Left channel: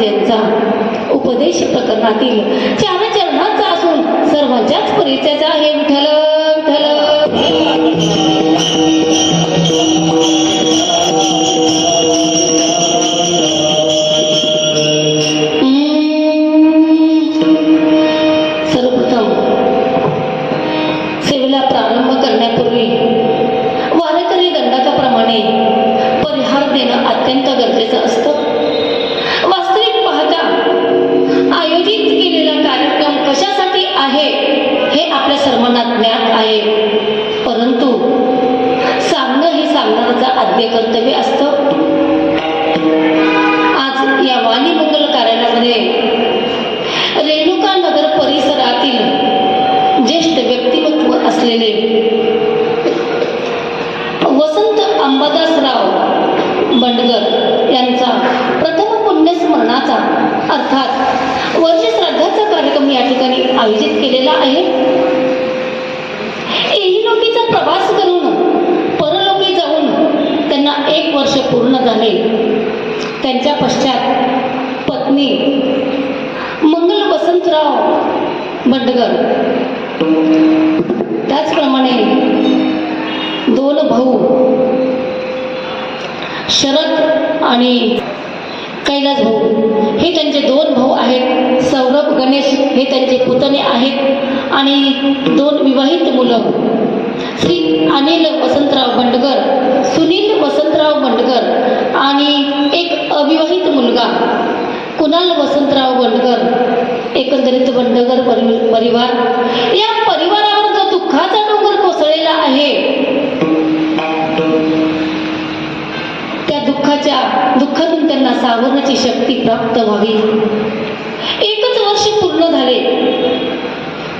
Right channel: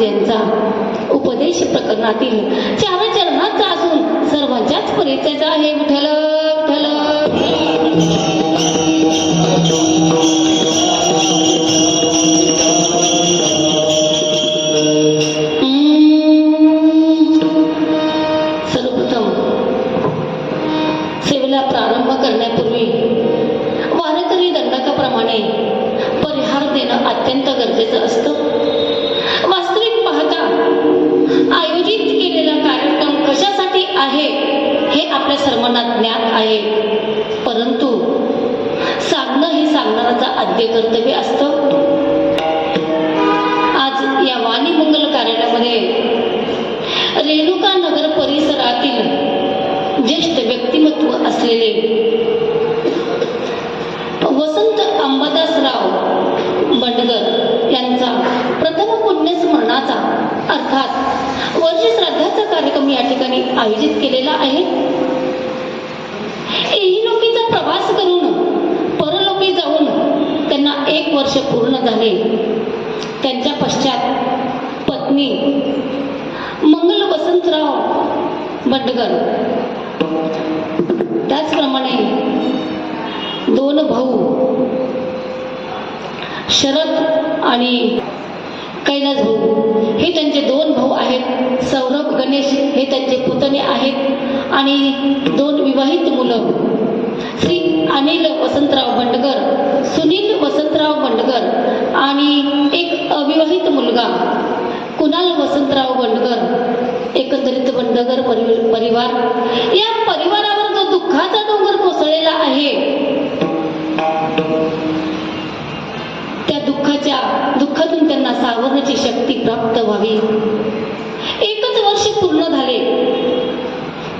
महाराजांचा उपदेश प्रकरणातील 4 चरणाचा असून सर्वांच्याच परिचयाचा आहे. विठ्ठल विठ्ठल. सर्वप्रथम सेवेला प्रारंभ करण्यापूर्वी वारकरी दंडकाप्रमाणे परिहार देणं अत्यंत गरजेचं असतं. वास्तविक पाहता आयोजित केलेला कार्यक्रम कशासाठी आहे हे आपल्या सर्वांना ज्ञात आहे, परंतु सांगणं हे सांगणाऱ्याचं आद्य कर्तव्य असतं. आज या वाणी मंगल कार्यालयामध्ये रेणुका नगर परिसरातील ज्येष्ठ व्यक्तिमत्व असलेले वसंत अंबादासराव बंडगर यांचा प्रथम पुण्यस्मरणाचा अर्थात वर्ष श्राद्धाचा कार्यक्रम या ठिकाणी आयोजित केलेला आहे. इहलोकीचा प्रवास करून परलोकी जाऊन त्यांना 1 वर्ष पूर्ण झाले. त्यांच्या पश्चात पत्नी मंगल वसंतराव बंडगर, त्याचप्रमाणे 2 भाऊ शरद आणि कैलास भाऊ हे त्यांचे 2 भाऊ आहेत. सौरभ गणेश हे त्यांचे पुतणे आहेत आणि 2 विवाहित मुलं श्री अनिल वसंतराव बंडगर, सुनील वसंतराव बंडगर आणि एक अविवाहित मुलगा कुणाल वसंतराव बंडगर. एकंदरीत बंडगर परिवार, या परिवारावर जो दुःखाचा डोंगर कोसळलेला आहे, त्या दुःखातून त्यांना सावरण्याची शक्ती प्राप्त व्हावी. 1च वर्ष पूर्ण झाले,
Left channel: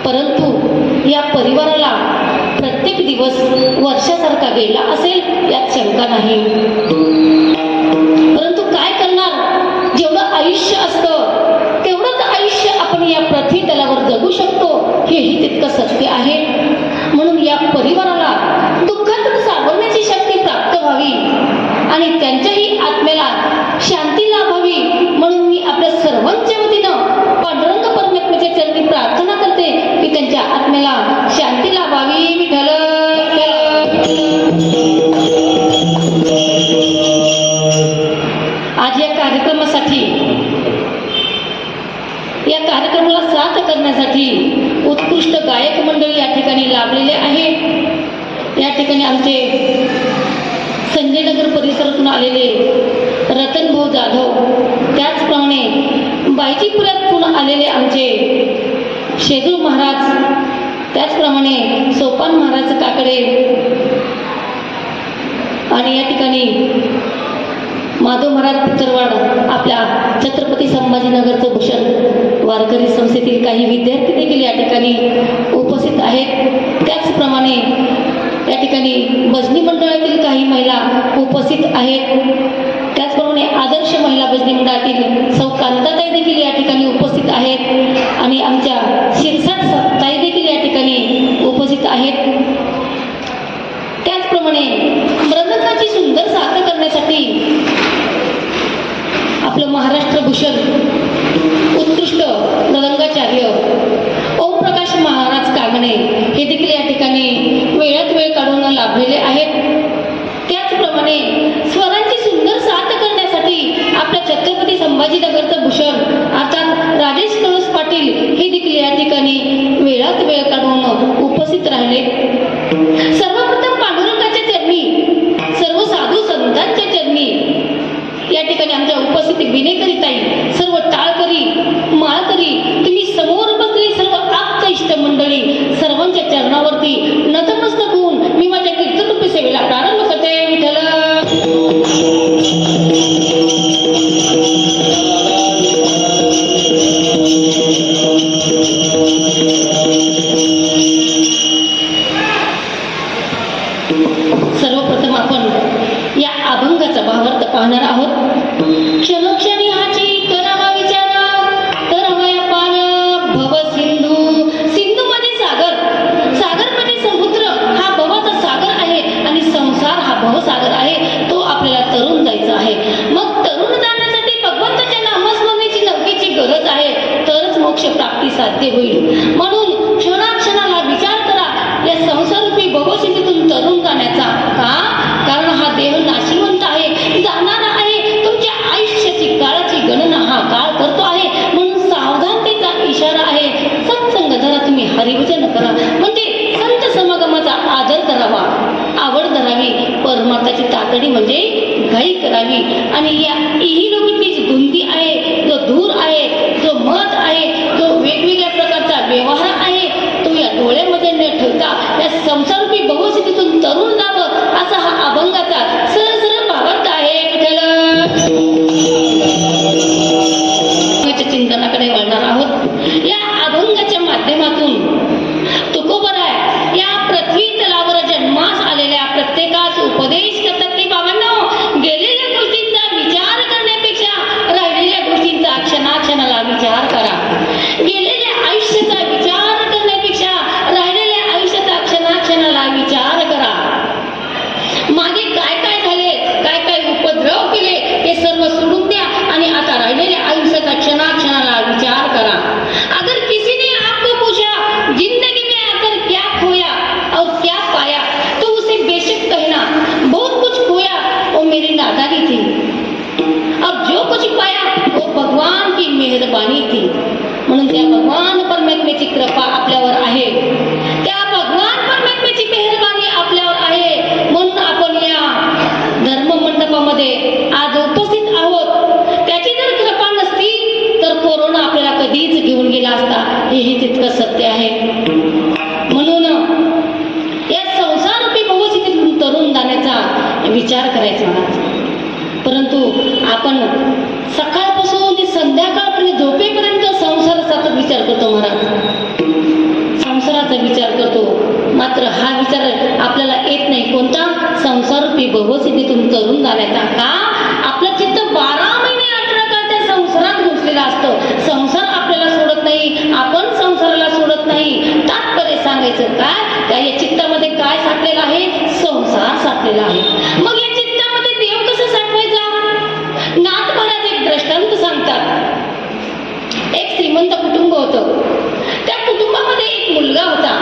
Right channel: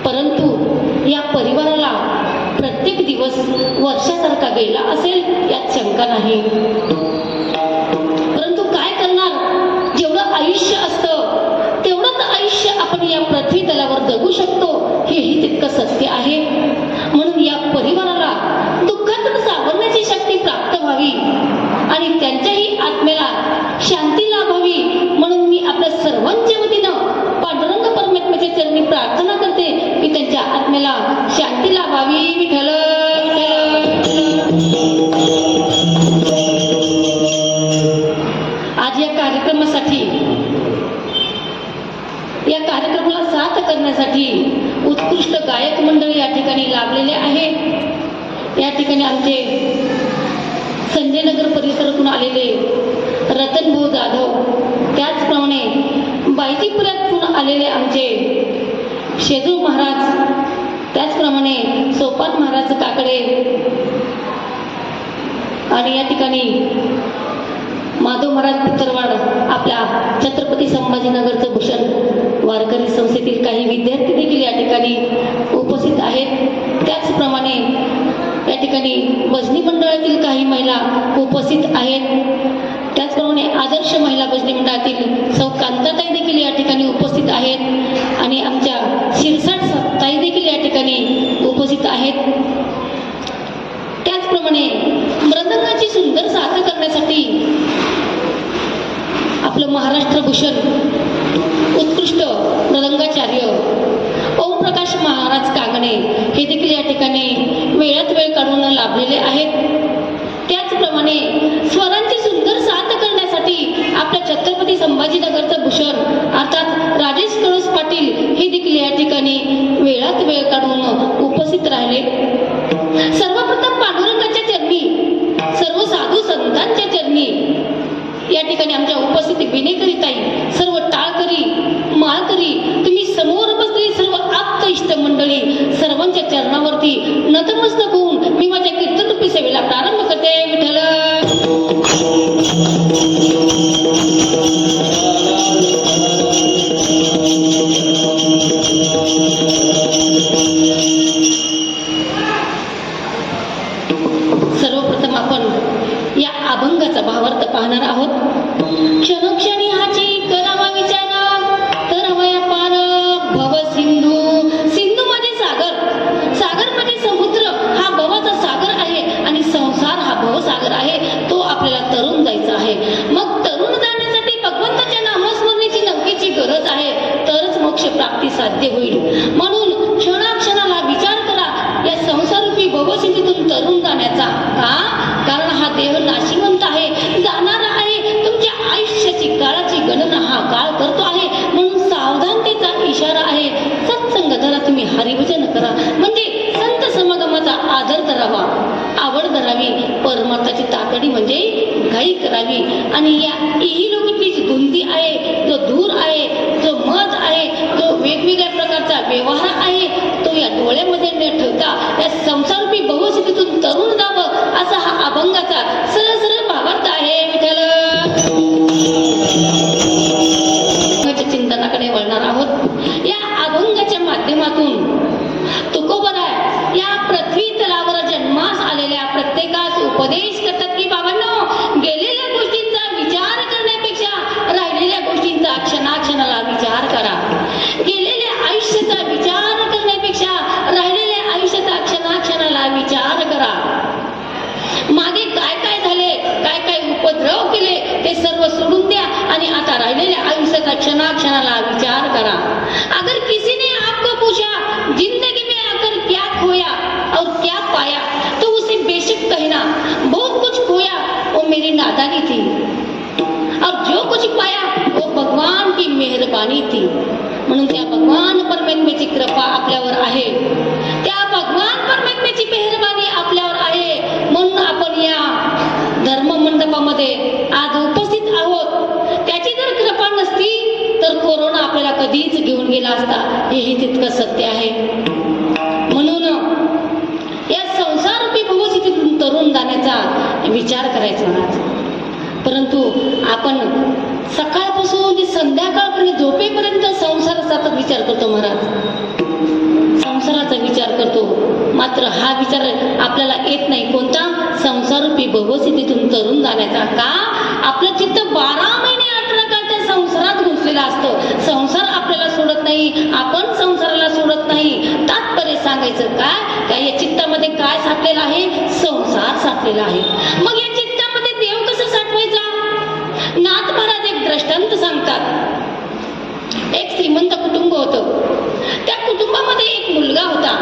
परंतु या परिवाराला प्रत्येक दिवस वर्षासारखा गेला असेल यात शंका नाही. परंतु काय करणार, जेवढं आयुष्य असतं तेवढंच आयुष्य आपण या पृथ्वी तलावर जगू शकतो हेही तितकं सत्य आहे. म्हणून या परिवाराला दुःखातून सावरण्याची शक्ती प्राप्त व्हावी आणि त्यांच्याही आत्म्याला शांती लाभावी म्हणून मी आपल्या सर्वांच्या वतीनं पांडुरंग परमात्म्याच्या चरणी प्रार्थना करते की त्यांच्या आत्म्याला शांती लाभावी. विठ्ठल आज या कार्यक्रमाला साथ करण्यासाठी उत्कृष्ट गायक मंडळी या ठिकाणी लाभलेले आहे. या ठिकाणी आमचे संजयनगर परिसरातून आलेले रतनभाऊ जाधव, त्याचप्रमाणे बायजीपुरातून आलेले आमचे शेजू महाराज, त्याचप्रमाणे सोपान महाराज काकडे आणि या ठिकाणी माधव महाराज पितरवाड, आपल्या छत्रपती संभाजीनगरचं भूषण वारकरी संस्थेतील काही विद्यार्थी देखील या ठिकाणी उपस्थित आहेत. त्याचप्रमाणे या ठिकाणी भजनी मंडळातील काही महिला उपस्थित आहेत. त्याचप्रमाणे आदर्श महिला भजनी मंडळातील सौ कांताताई देखील या ठिकाणी उपस्थित आहेत आणि आमच्या शिरसाट ताई देखील या ठिकाणी उपस्थित आहेत. त्याचप्रमाणे मृदंगाची सुंदर साथ करण्यासाठी आपलं महाराष्ट्र भूषण उत्कृष्ट मृदंगाचार्य ओमप्रकाश महाराज कागणे हे देखील या ठिकाणी वेळात वेळ काढून लाभलेले आहेत. त्याचप्रमाणे स्वरांची सुंदर साथ करण्यासाठी आपल्या छत्रपती संभाजीनगरचं भूषण अर्थात राजेश कळस पाटील हे देखील या ठिकाणी वेळात वेळ काढून उपस्थित राहिले. सर्वप्रथम पांडुरंगाच्या चरणी, सर्व साधू संतांच्या चरणी या ठिकाणी आमच्या उपस्थित विनेकरीताई, सर्व टाळकरी, माळकरी, तुम्ही समोर बसलेली सर्व आप्त इष्ट मंडळी, सर्वांच्या चरणावरती नतमस्तक होऊन मी माझ्या कीर्तनरूपी सेवेला प्रारंभ करते. विठ्ठल सर्वप्रथम आपण या अभंगाचा भावार्थ पाहणार आहोत. क्षणोक्षणी हाची करावा विचार, तर हवया पार भव सिंधू, सिंधू मध्ये सागर, सागर मध्ये समुद्र, हा भवाचा सागर आहे आणि संसार हा भवसागर आहे. तो आपल्याला तरुण जायचा आहे. मग तरुण जाण्यासाठी भगवंताच्या नामस्मरणेची साध्य होईल. म्हणून क्षणाक्षणाला विचार करा या संसारूपी भवस्थितीतून तरुण जाण्याचा. का? कारण हा देह नाशिवंत आहे, जाणारा आहे. तुमच्या आयुष्याची काळाची गणना हा काळ करतो आहे. म्हणून सावधानतेचा इशारा आहे. सत्संग धरा, तुम्ही हरिभजन करा, म्हणजे संत समागमाचा आदर करावा, आवड धरावी, परमार्थाची तातडी म्हणजे घाई करावी. आणि या इहिलोकीतली जी धुंदी आहे, जो धूर आहे, जो मत आहे, जो वेगवेगळ्या प्रकारचा व्यवहार आहे, तो या डोळ्यामध्ये न ठेवता या संसारूपी भवस्थितीतून तरुण जावं असा हा अभंगाचा सरळ सरळ भावार्थ आहे. चिंतनाकडे वळणार आहोत. या अभंगाच्या माध्यमातून तुकोबराय या पृथ्वी तलावर जन्मास आलेल्या प्रत्येकास उपदेश करतात की बाबांनो, गेलेल्या गोष्टींचा विचार करण्यापेक्षा राहिलेल्या गोष्टींचा क्षणाक्षणाला विचार करा. गेलेल्या आयुष्याचा विचार करण्यापेक्षा राहिलेल्या आयुष्याचा क्षणाक्षणाला विचार करा. मागे काय काय झाले, काय काय उपद्रव केले ते सर्व सोडून द्या आणि आता राहिलेल्या आयुष्याचा क्षणाक्षणाला विचार करा. अगर किसी ने आपको पूछा जिंदगी में आकर क्या खोया और क्या पाया, तो उसे बेशक कहना बहुत कुछ खोया वो मेरी नादानी थी, और जो कुछ पाया वो भगवान की मेहरबानी थी. म्हणून त्या भगवान परमात्म्याची कृपा आपल्यावर आहे, त्या भगवान परमात्म्याची मेहरबानी आपल्यावर आहे. म्हणून आपण या धर्म मंडपामध्ये आज उपस्थित आहोत. त्याची जर कृपा नसती तर कोरोना आपल्याला कधीच घेऊन गेला असता, हेही तितकं सत्य आहे. म्हणून या संसारूपी भवस्थितीतून तरुण जाण्याचा विचार करायचा. परंतु आपण सकाळपासून ते संध्याकाळपर्यंत झोपेपर्यंत संसाराचा विचार करतो महाराज, संसाराचा विचार करतो. मात्र हा विचार आपल्याला येत नाही. कोणता? संसारूपी भवस्थितीतून तरुण जाण्याचा. का? आपलं चित्त 12 महिने 18 काळ त्या संसारात घुसलेला असतं. संसार आपल्याला सोडत नाही, आपण संसाराला सोडत नाही. तात्पर्य सांगायचं काय? त्या या चित्तामध्ये काय साठलेला आहे? संसार साठलेला आहे. मग या चित्तामध्ये देव कसं साठवायचा? नाथ महाराज एक दृष्टांत सांगतात. एक श्रीमंत कुटुंब होतं. त्या कुटुंबामध्ये एक मुलगा होता.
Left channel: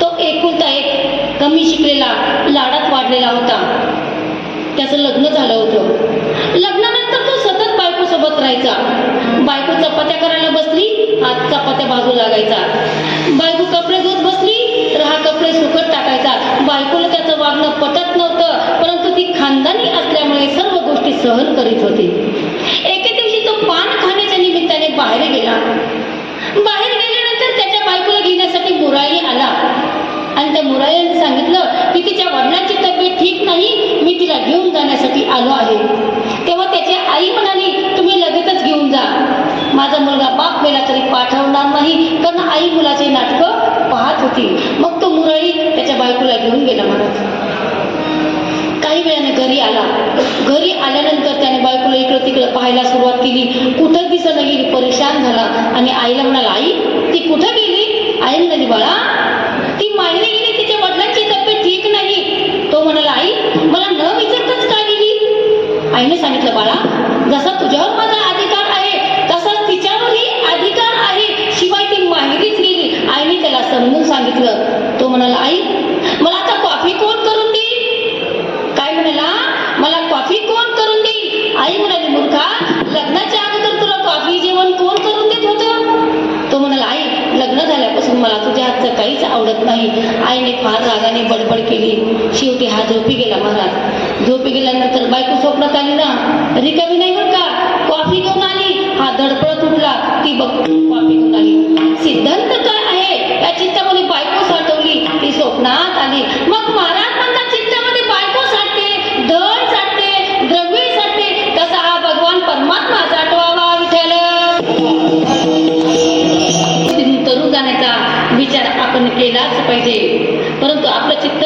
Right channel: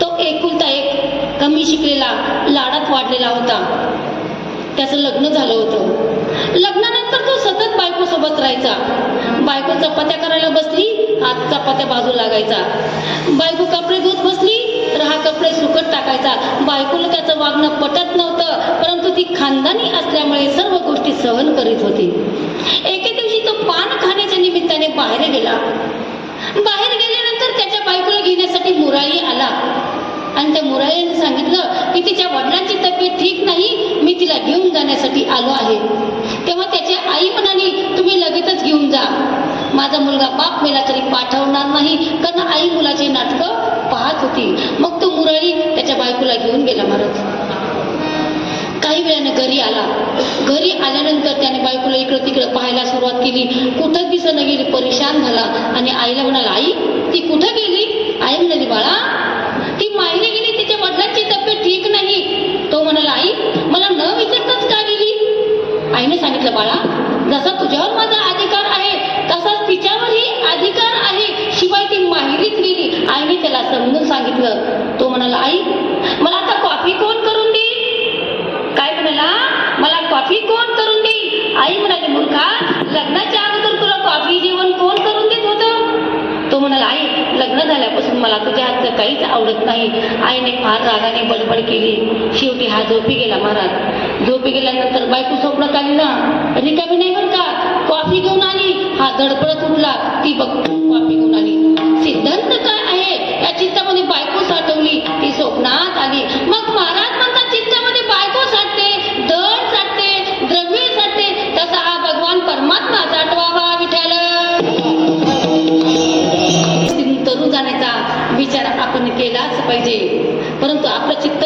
तो एकुलता एक, कमी शिकलेला, लाडात वाढलेला होता. त्याचं लग्न झालं होतं. लग्नानंतर तो सतत बायको सोबत राहायचा. बायको चपात्या करायला बसली, हात चपात्या बाजू लागायचा. बायको कपडे धुत बसली तर हा कपडे सुकत टाकायचा. बायकोला त्याचं वागणं पटत नव्हतं, परंतु ती खानदानी असल्यामुळे सर्व गोष्टी सहन करीत होती. एके दिवशी तो पान खाण्याच्या निमित्ताने बाहेर गेला. बाहेर गेल्यानंतर त्याच्या बायकोला घेण्यासाठी मुराई आला आणि त्या मुराईने सांगितलं की तिच्या वडिलांची तब्येत ठीक नाही, मी तिला घेऊन जाण्यासाठी आलो आहे. तेव्हा त्याची आई म्हणाली, तुम्ही लगेचच घेऊन जा, माझा मुलगा बाप मेला तरी पाठवणार नाही. कारण आई मुलाचे नाटकं पाहत होती. मग तो मुराई त्याच्या बायकोला घेऊन गेला. महाराज काही वेळाने घरी आला. घरी आल्यानंतर त्याने बायकोला इकडं तिकडं पाहायला सुरुवात केली. कुठं दिसणं गेली, परेशान झाला आणि आईला म्हणाला, आई ती कुठं गेली? आई म्हणाली, बाळा ती माहेरी गेली, तिच्या वडिलांची तब्येत ठीक नाही. तो म्हणाला, आई मला न विचारताच का गेली? आईने सांगितलं, बाळा जसा तुझ्यावर माझा अधिकार आहे तसाच तिच्यावरही अधिकार आहे, शिवाय ती माहेरीच गेली. आईने त्याला समजून सांगितलं. तो म्हणाला, आई मला आता कॉफी कोण करून देईल? काय म्हणाला, मला कॉफी कोण करून देईल? आई म्हणाली, मूर्खा लग्नाच्या अगोदर तुला कॉफी जेवण कोण करून देत होतं? तो म्हणाला, आई लग्न झाल्यापासून मला तुझ्या हातचं काहीच आवडत नाही. आईने फार रागाने बडबड केली. शेवटी हा झोपी गेला. महाराज झोपी गेल्यानंतर बायको स्वप्नात आली ना, रिकामी नाही बरं का, कॉफी घेऊन आली. हा धडपडत उठला, ती बघ कॉफी घेऊन आली. सिद्धांत काय आहे? या चित्तामध्ये बायको साठवली, ती स्वप्नात आली. मग महाराज म्हणतात चित्तामध्ये बायको साठते, धन साठते, द्रव्य साठते, तसा हा भगवान परमात्मा साठवावा. विठ्ठल तरुण जाण्याचा विचार आपण केलाच पाहिजे. परंतु आपलं चित्त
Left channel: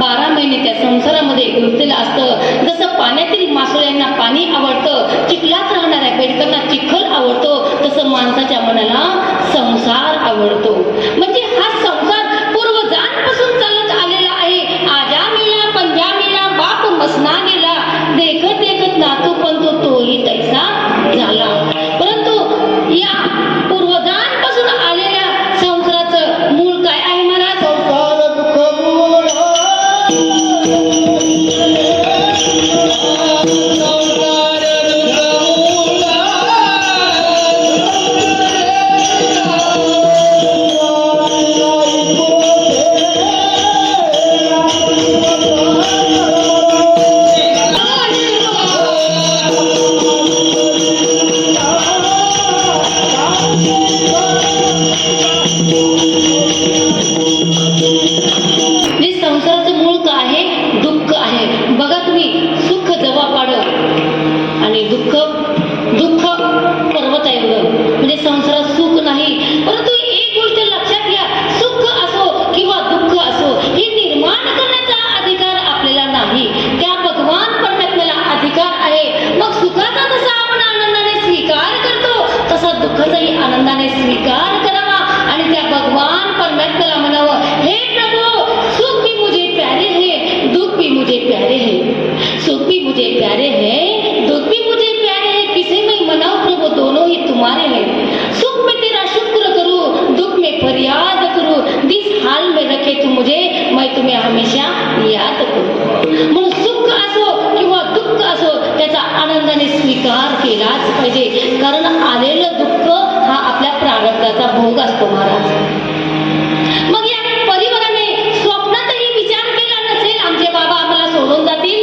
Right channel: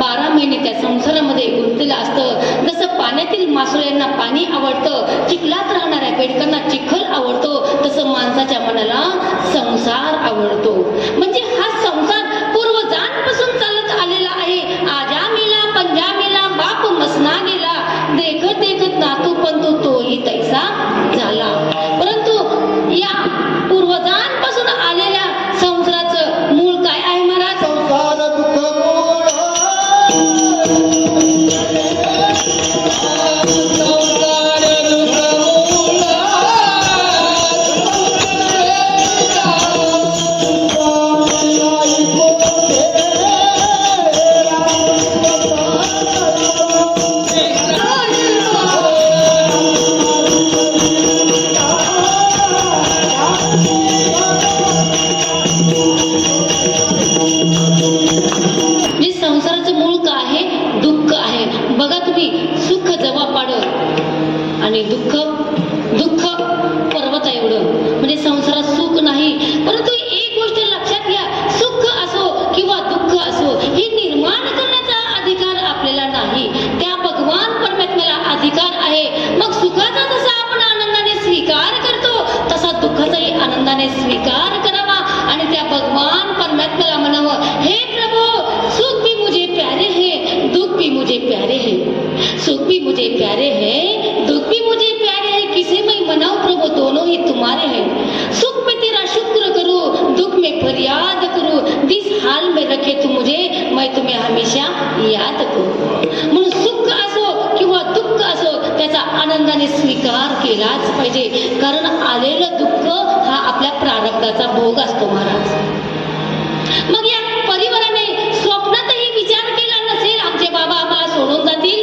12 महिने त्या संसारामध्ये गुंतलेलं असतं. जसं पाण्यातील मासोळ्यांना पाणी आवडतं, चिखलात राहणाऱ्या बेडकांना चिखल आवडतो, तसं माणसाच्या मनाला संसार आवडतो. म्हणजे हा संसार पूर्वजांपासून चालत आलेला आहे. आज दुःख दुःख पर्वत आहे एवढं, म्हणजे संसारात सुख नाही. परंतु एक गोष्ट लक्षात घ्या, सुख असो किंवा दुःख असो हे निर्माण करण्याचा अधिकार आपल्याला नाही, त्या भगवान परमात्म्याला अधिकार आहे. मग सुखाचा जसा आपण आनंदाने स्वीकार करतो तसा दुःखाचाही आनंदाने स्वीकार करावा आणि त्या भगवान परमात्म्याला म्हणावं, हे प्रभु सुख भी मुझे प्यारे है, दुख भी मुझे प्यारे है. सुख भी मुझे प्यारे है, दुख भी मुझे प्यारे है, किसे मैं मनाऊं प्रभु, दोनों ही तुम्हारे हैं. सुख में तेरा शुक्र करूं, दुख में फरियाद करूं, जिस हाल में रखे तू मुझे, मैं तुम्हें हमेशा याद करू. म्हणून सुख असो किंवा दुःख असो त्याचा आनंदाने स्वीकार केलाच पाहिजे, कारण आलेलं दुःख हा आपल्या प्रारब्धाचा भोग असतो महाराज. मग या परिवाराने स्वप्नातही विचार केला नसेल आमचे बाबा आम्हाला सोडून जातील,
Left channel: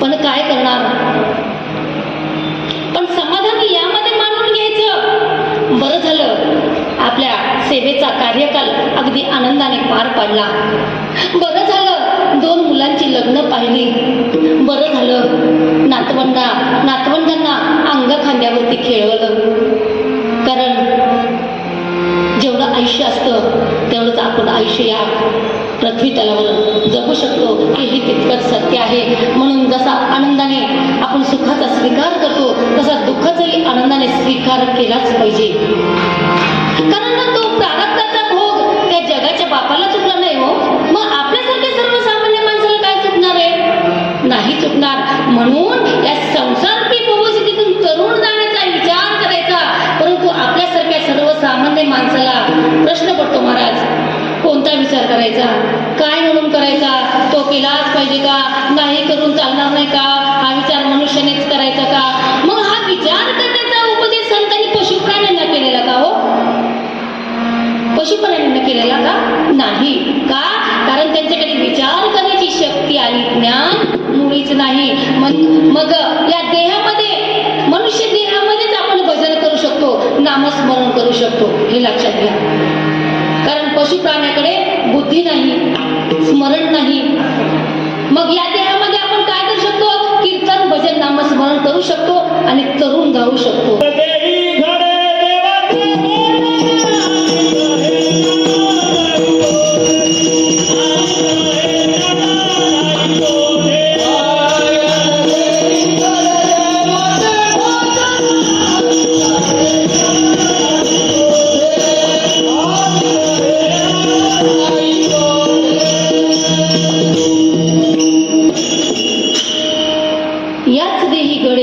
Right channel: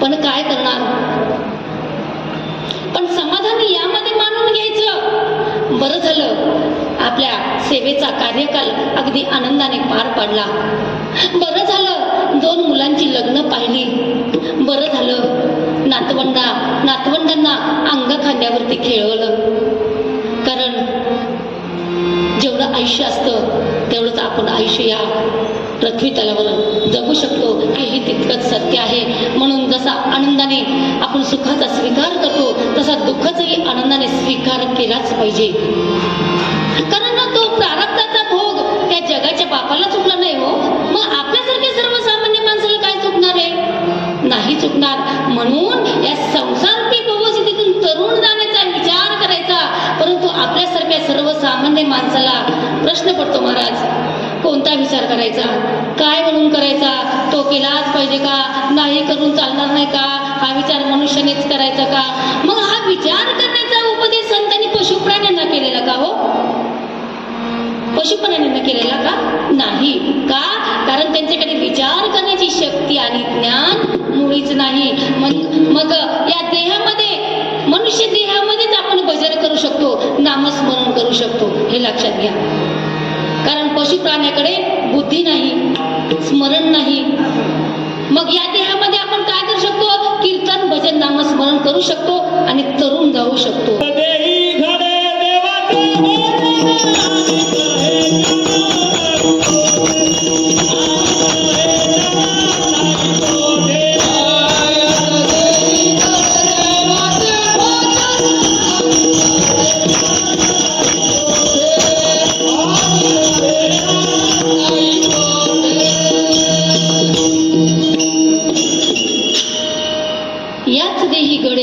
पण काय करणार. पण समाधान यामध्ये मानून घ्यायचं. बरं झालं आपल्या सेवेचा कार्यकाल अगदी आनंदाने पार पडला. बरं झालं 2 मुलांची लग्न पाहिली. बरं झालं नातवंडांना अंग खांद्यावरती खेळवलं. कारण जेवढं आयुष्य असतं तेवढंच आपण आयुष्य या पृथ्वी तलावर जगू शकतो हेही तितकंच सत्य आहे. म्हणून जसा आनंदाने आपण सुखाचा स्वीकार करतो तसा दुःखाचाही आनंदाने स्वीकार केलाच पाहिजे. कारण ना तो प्रारब्धाचा भोग त्या जगाच्या बापाला चुकला नाही हो. मग आपल्यासारख्या सर्वसामान्य माणसाला काय चुकणार आहे, नाही चुकणार. म्हणून या संसाररूपी भवसिद्धीतून तरुण जाण्याचा विचार करायचा. परंतु आपल्यासारख्या सर्वसामान्य माणसाला प्रश्न पडतो महाराज, कोणता विचार करायचा, काय म्हणून करायचा, तो केलाच पाहिजे का, नाही करून चालणार नाही का, हा विचार मनुष्यानेच करायचा का. मग हा विचार करण्याचा उपदेश संतांनी पशुप्राण्यांना केलेला का हो, पशुप्राण्यांना केलेला का नाही. का, कारण त्यांच्याकडे विचार करण्याची शक्ती आणि ज्ञान मुळीच नाही. मग या देहामध्ये मनुष्य देहामध्येच आपण भजन करू शकतो, नामस्मरण करू शकतो, हे लक्षात घ्या. कारण पशुप्राण्याकडे बुद्धी नाही, स्मरण नाही. मग या देहामध्ये आपण काय करू शकतो, कीर्तन भजन नामस्मरण करू शकतो आणि तरुण जाऊ शकतो.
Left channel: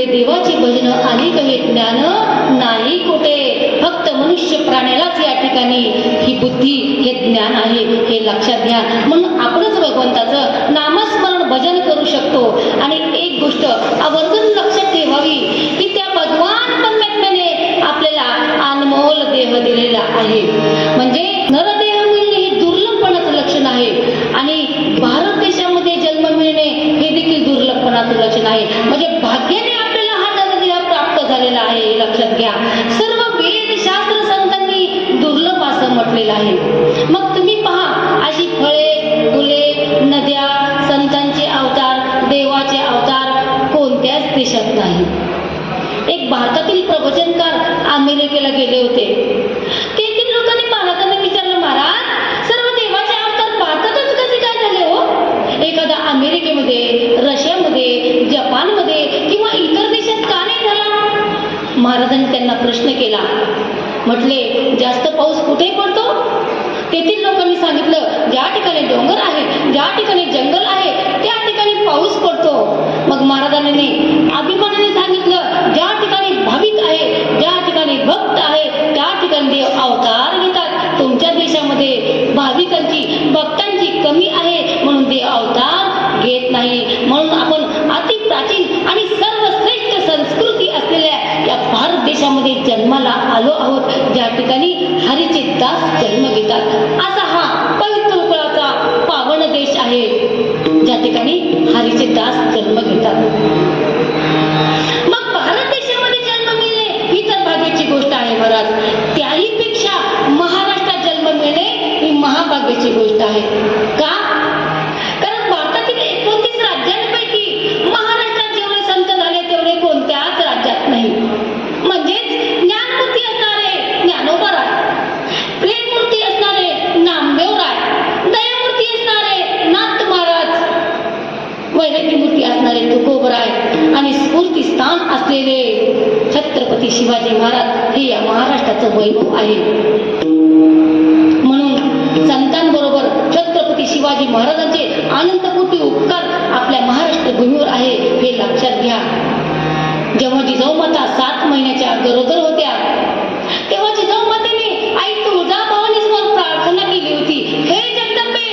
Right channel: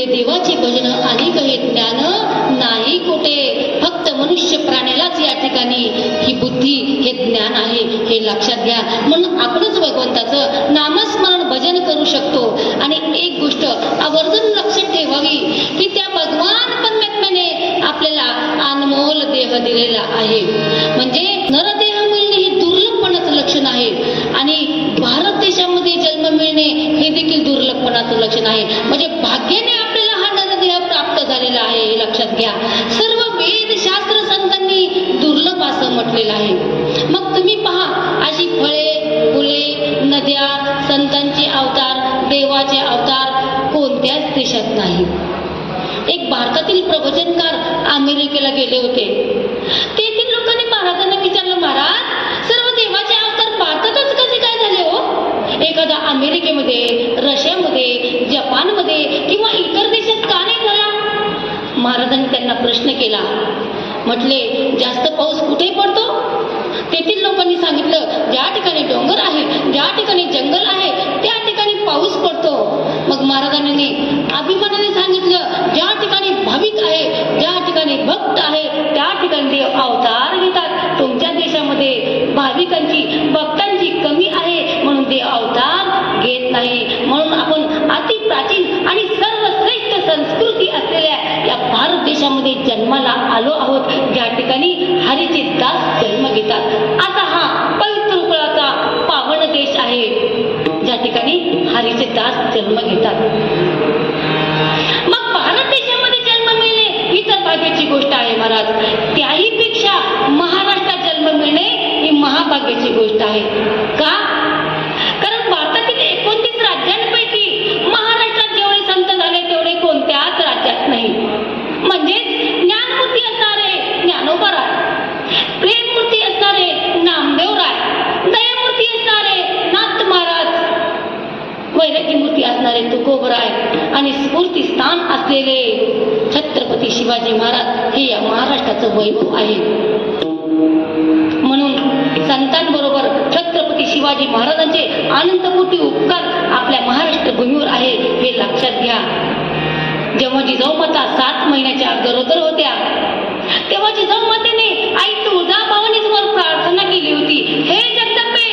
देवाचे भजन अनेक हे ज्ञान नाही कोठे, फक्त मनुष्य प्राण्यालाच या ठिकाणी ही बुद्धी हे ज्ञान आहे, हे लक्षात घ्या. म्हणून आपणच भगवंताचं नामस्मरण भजन करू शकतो. आणि एक गोष्ट आवर्जून लक्षात ठेवावी की त्या भगवान परमात्म्याने आपल्याला अनमोल देह दिलेला आहे. म्हणजे नरदेह मिळणे हे दुर्लभपणाचं लक्षण आहे आणि भारत देशामध्ये जन्म मिळणे हे देखील दुर्लभपणाचं लक्षण आहे. म्हणजे भाग्याने आपल्याला हा नरदेह प्राप्त झालेला आहे, हे लक्षात घ्या. सर्व वेद शास्त्र संतांनी दुर्लभ असं म्हटलेलं आहे. मग तुम्ही पहा, अशी फळे फुले नद्या संतांचे अवतार देवाचे अवतार कोणत्याच देशात नाही. एक भारतातील प्रवचनकार अमेरिकेला गेले होते. तेथील लोकांनी महाराजांना विचारलं, महाराज सर्व देवाचे अवतार भारतातच कसे काय झाले हो, एखादा अमेरिकेमध्ये रशियामध्ये जपानमध्ये किंवा इतर देशात का नाही झाला. महाराजांनी त्यांना प्रश्न केला. म्हटले जास्त पाऊस कुठे पडतो. तेथील लोकांनी सांगितलं ज्या ठिकाणी डोंगर आहे, ज्या ठिकाणी जंगल आहे त्या ठिकाणी पाऊस पडतो. मग महाराजांनी अभिमानाने सांगितलं ज्या ठिकाणी भाविक आहे, ज्या ठिकाणी भक्त आहे त्या ठिकाणी देव अवतार घेतात. तुमच्या देशामध्ये भाविकांची भक्तांची कमी आहे म्हणून देव अवतार घेत नाही. म्हणून आपण अति प्राचीन आणि सर्वश्रेष्ठ संस्कृती असलेल्या या भारत देशामध्ये जन्माला आलो आहोत, ज्या ठिकाणी हरीचे दास जन्म घेतात. असा हा पवित्र कुळाचा पावन देश आहे ज्या ठिकाणी हरीचे दास जन्म घेतात. मग भारत देशामध्ये जन्म मिळणे ही तर भाग्याची गोष्ट आहे महाराज. त्याही पेक्षा महाराष्ट्रात जन्म मिळणे ही महाभाग्याची गोष्ट आहे. का, कारण भारतातील 29 राज्यांपैकी महाराष्ट्रात जेवढे वैरागी मूर्ती असणारे तुकोबराय आणि स्फूर्तीस्थान असलेले छत्रपती शिवाजी महाराज हे या महाराष्ट्राचं वैभव आहे. म्हणून संतांबरोबर छत्रपती शिवाजी महाराजांचे अनंतकोटी उपकार आपल्या महाराष्ट्र भूमीवर आहे हे लक्षात घ्या. जेव्हा जिजाऊ माता 7 महिन्याच्या गरोदर होत्या तेव्हा जिजाऊ मातेने आई तुळजाभवानीवर प्रार्थना केली होती, हे जगदंबे,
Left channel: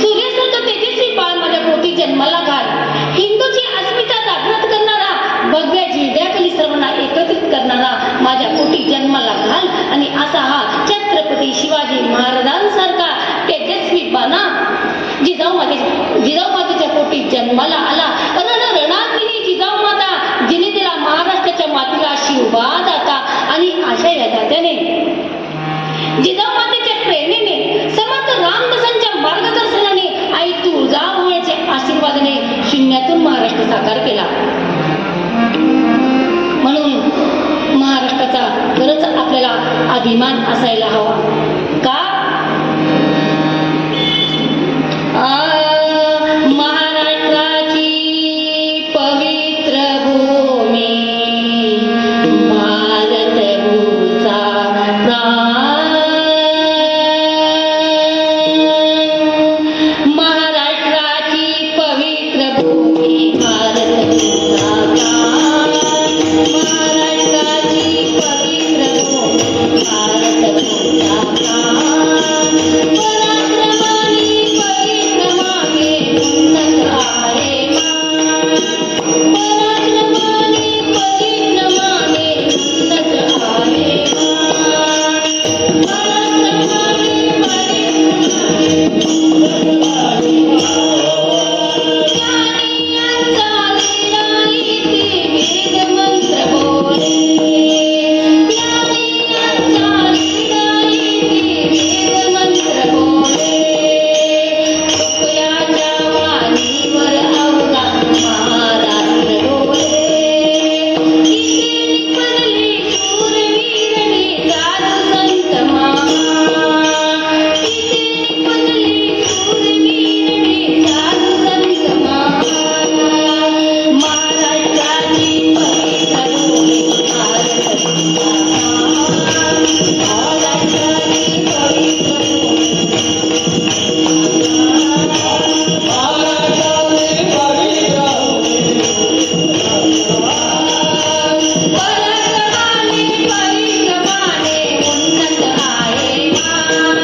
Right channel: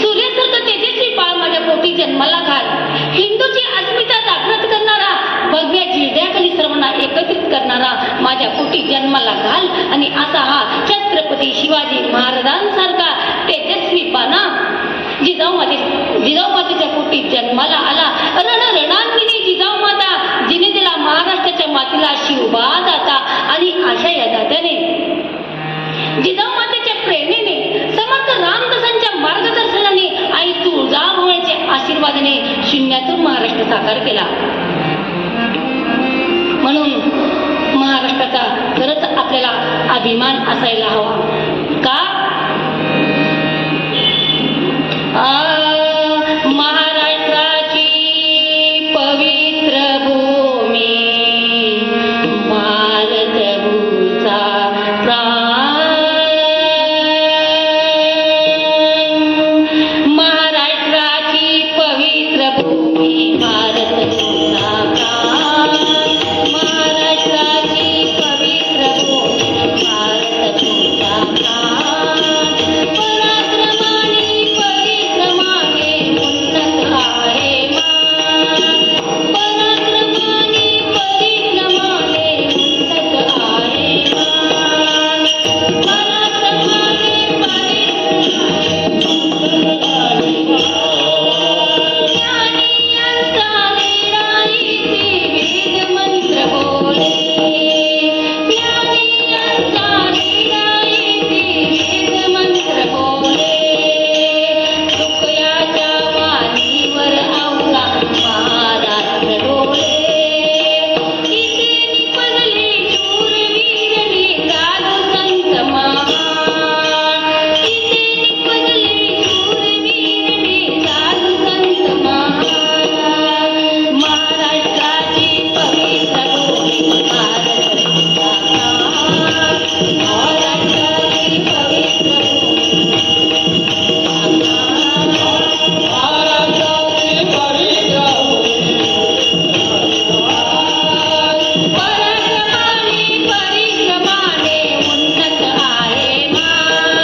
सूर्यासारखं तेजस्वी बाळ माझ्या पोटी जन्माला घाल. हिंदूची अस्मिता जागृत करणारा, भगव्या जिल्ह्याखाली सर्वांना एकत्रित करणारा माझ्या पोटी जन्माला घाल. आणि असा हा छत्रपती शिवाजी महाराजांसारखा तेजस्वी बाणा जिजाऊ मातेच्या पोटी जन्माला आला. रणरणांगिनी जिजाऊ माता, जिने दिला महाराष्ट्राच्या मातीला शिवबा दाता. आणि अशा या दात्याने जिजाऊ मातेच्या प्रेरणेने समर्थ रामदासांच्या मार्गदर्शनाने आई तुळजाभवानीच्या आशीर्वादाने शून्यातून महाराष्ट्र साकार केला. म्हणून महाराष्ट्राचा खरंच आपल्याला अभिमान असायला हवा. का? महाराष्ट्राची पवित्र भूमी, भारत भूचा प्राण. महाराष्ट्राची पवित्र भूमी, भारत भूचा प्राण. महाराष्ट्राची पवित्र भूमी, भारत भूचा प्राण. पराक्रमाने परिक्रमाने उन्नत आहे मान. पराक्रमाने परिक्रमाने उन्नत आहे मान. पराक्रमाने परिक्रमाने उन्नत आहे मान. ज्ञानियांचा लिहिणाईती वेद मंत्र बोले. ज्ञानियांचा लिहिणाईती वेद मंत्र बोले. तुकयाच्या वाणीवर अवघा महाराष्ट्र डोळे. इथे निपजले शूरवीरणी साधू संत मामा. इथे निपजले शूरवीरणी साधू संत मामा. महाराष्ट्राची पवित्र भूमी, भारत भूचा प्राण. महाराष्ट्राची पवित्र भूमी, पराक्रमाने परिक्रमाने उन्नत आहे मान.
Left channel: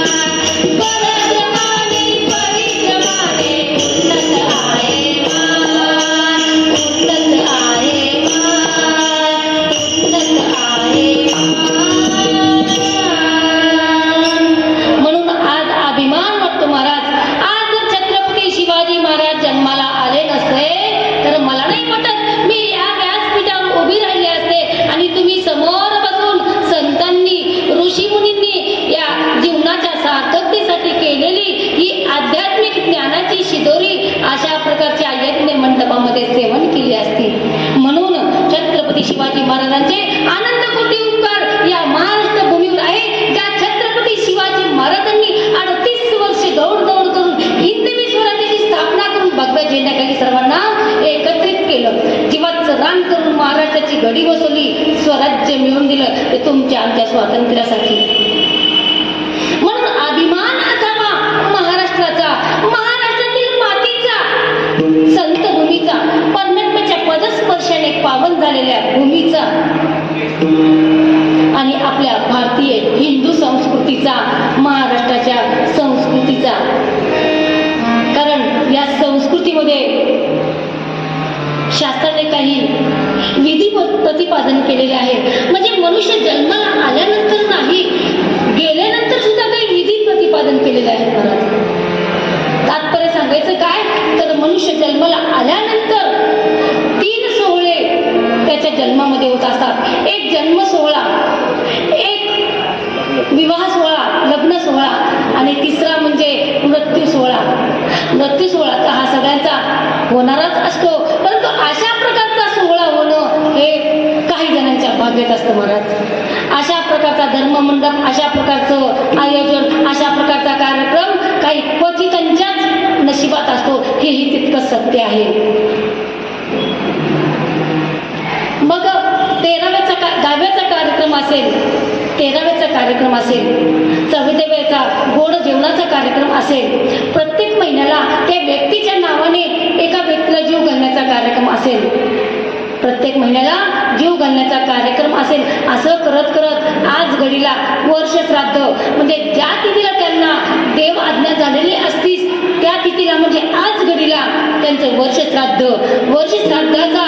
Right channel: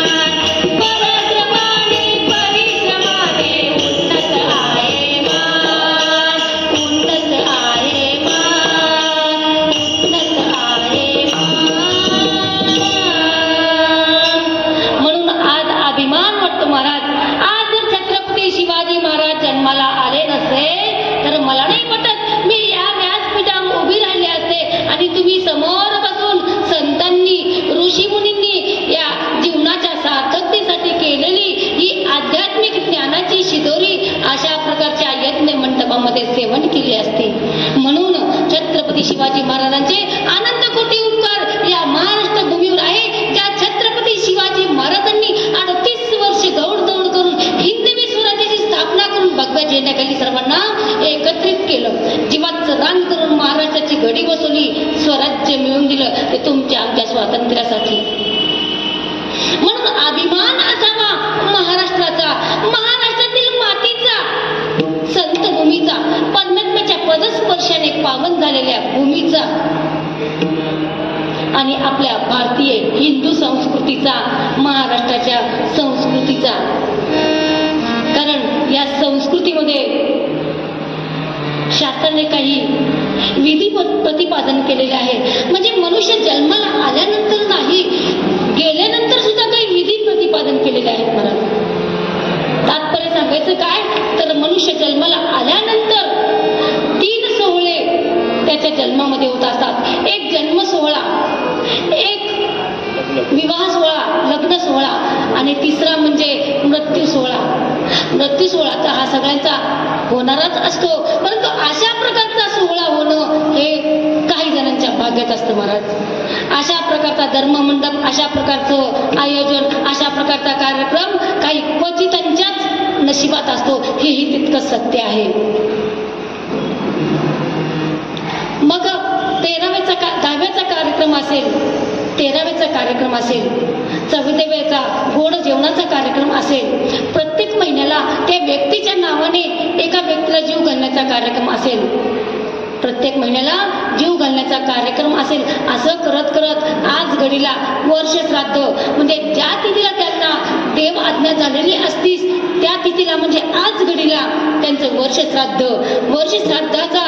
पराक्रमाने परिक्रमाने उन्नत आहे मान. उन्नत आहे मान. उन्नत आहे मान. म्हणून आज अभिमान वाटतो महाराज. आज जर छत्रपती शिवाजी महाराज जन्माला आले नसते तर मला नाही वाटत मी या व्यासपीठावर उभी राहिली असते आणि तुम्ही समोर बसून संतांनी ऋषीमुनींनी या जीवनाच्या सार्थकतेसाठी केलेली ही आध्यात्मिक ज्ञानाची शिदोरी अशा प्रकारच्या यज्ञ मंडपामध्ये सेवन केली असती. म्हणून छत्रपती शिवाजी महाराजांचे अनंतकोटी उपकार या महाराष्ट्र भूमीवर आहे. ज्या छत्रपती शिवाजी महाराजांनी 38 वर्ष दौड करून हिंदवी स्वराज्याची स्थापना करून भगव्या झेंड्याखाली सर्वांना एकत्रित केलं. जीवाचं रान करून महाराष्ट्राची घडी बसवली, स्वराज्य मिळवून दिलं ते तुमच्या आमच्या स्वातंत्र्यासाठी. म्हणून अभिमान असावा महाराष्ट्राचा, महाराष्ट्रातील मातीचा, संत भूमीचा, परमात्म्याच्या पदस्पर्शाने पावन झालेल्या भूमीचा आणि आपल्या भारतीय हिंदू संस्कृतीचा, महाराष्ट्राच्या संस्कृतीचा. कारण या संस्कृतीमध्ये शास्त्राने काही विधी प्रतिपादन केलेले आहे. म्हणजे मनुष्य जन्माला आल्यानंतर नाही, गेल्यानंतर सुद्धा काही विधी प्रतिपादन केलेले आहेत. महाराज तात्पर्य सांगायचं काय तर मनुष्य जन्माला आल्यानंतर 3 सोहळे त्याच्या जन्मामध्ये होत असतात. एक जन्म सोहळा, एक विवाह सोहळा, लग्न सोहळा आणि तिसरा म्हणजे मृत्यू सोहळा. मृत्यू सोहळा तर हा सगळ्यांचा होणारच असतो, परंतु अशा प्रकारचा सोहळा होणं हे काही जणांच्या भाग्यात असतं महाराज. अशा प्रकारचा धर्ममंडप, अशा प्रकारचं आयोजन, अशा प्रकारचा कार्यक्रम काही क्वचितांच्याच नशिबात असतो, हेही तितकंच सत्य आहे. असेल, 13वेचा कार्यक्रम असेल, 14वेचा गोड जेवणाचा कार्यक्रम असेल, प्रत्येक महिन्याला त्या व्यक्तीच्या नावाने एका व्यक्तीला जीव घालण्याचा कार्यक्रम असेल, प्रत्येक महिन्याला जीव घालण्याचा कार्यक्रम असेल. असं करत करत आज घडीला वर्ष श्राद्ध म्हणजे ज्या तिथीला त्यांना देव आज्ञा झालेली असतीच त्या तिथीला म्हणजे आज घडीला त्यांचं वर्ष श्राद्धाचा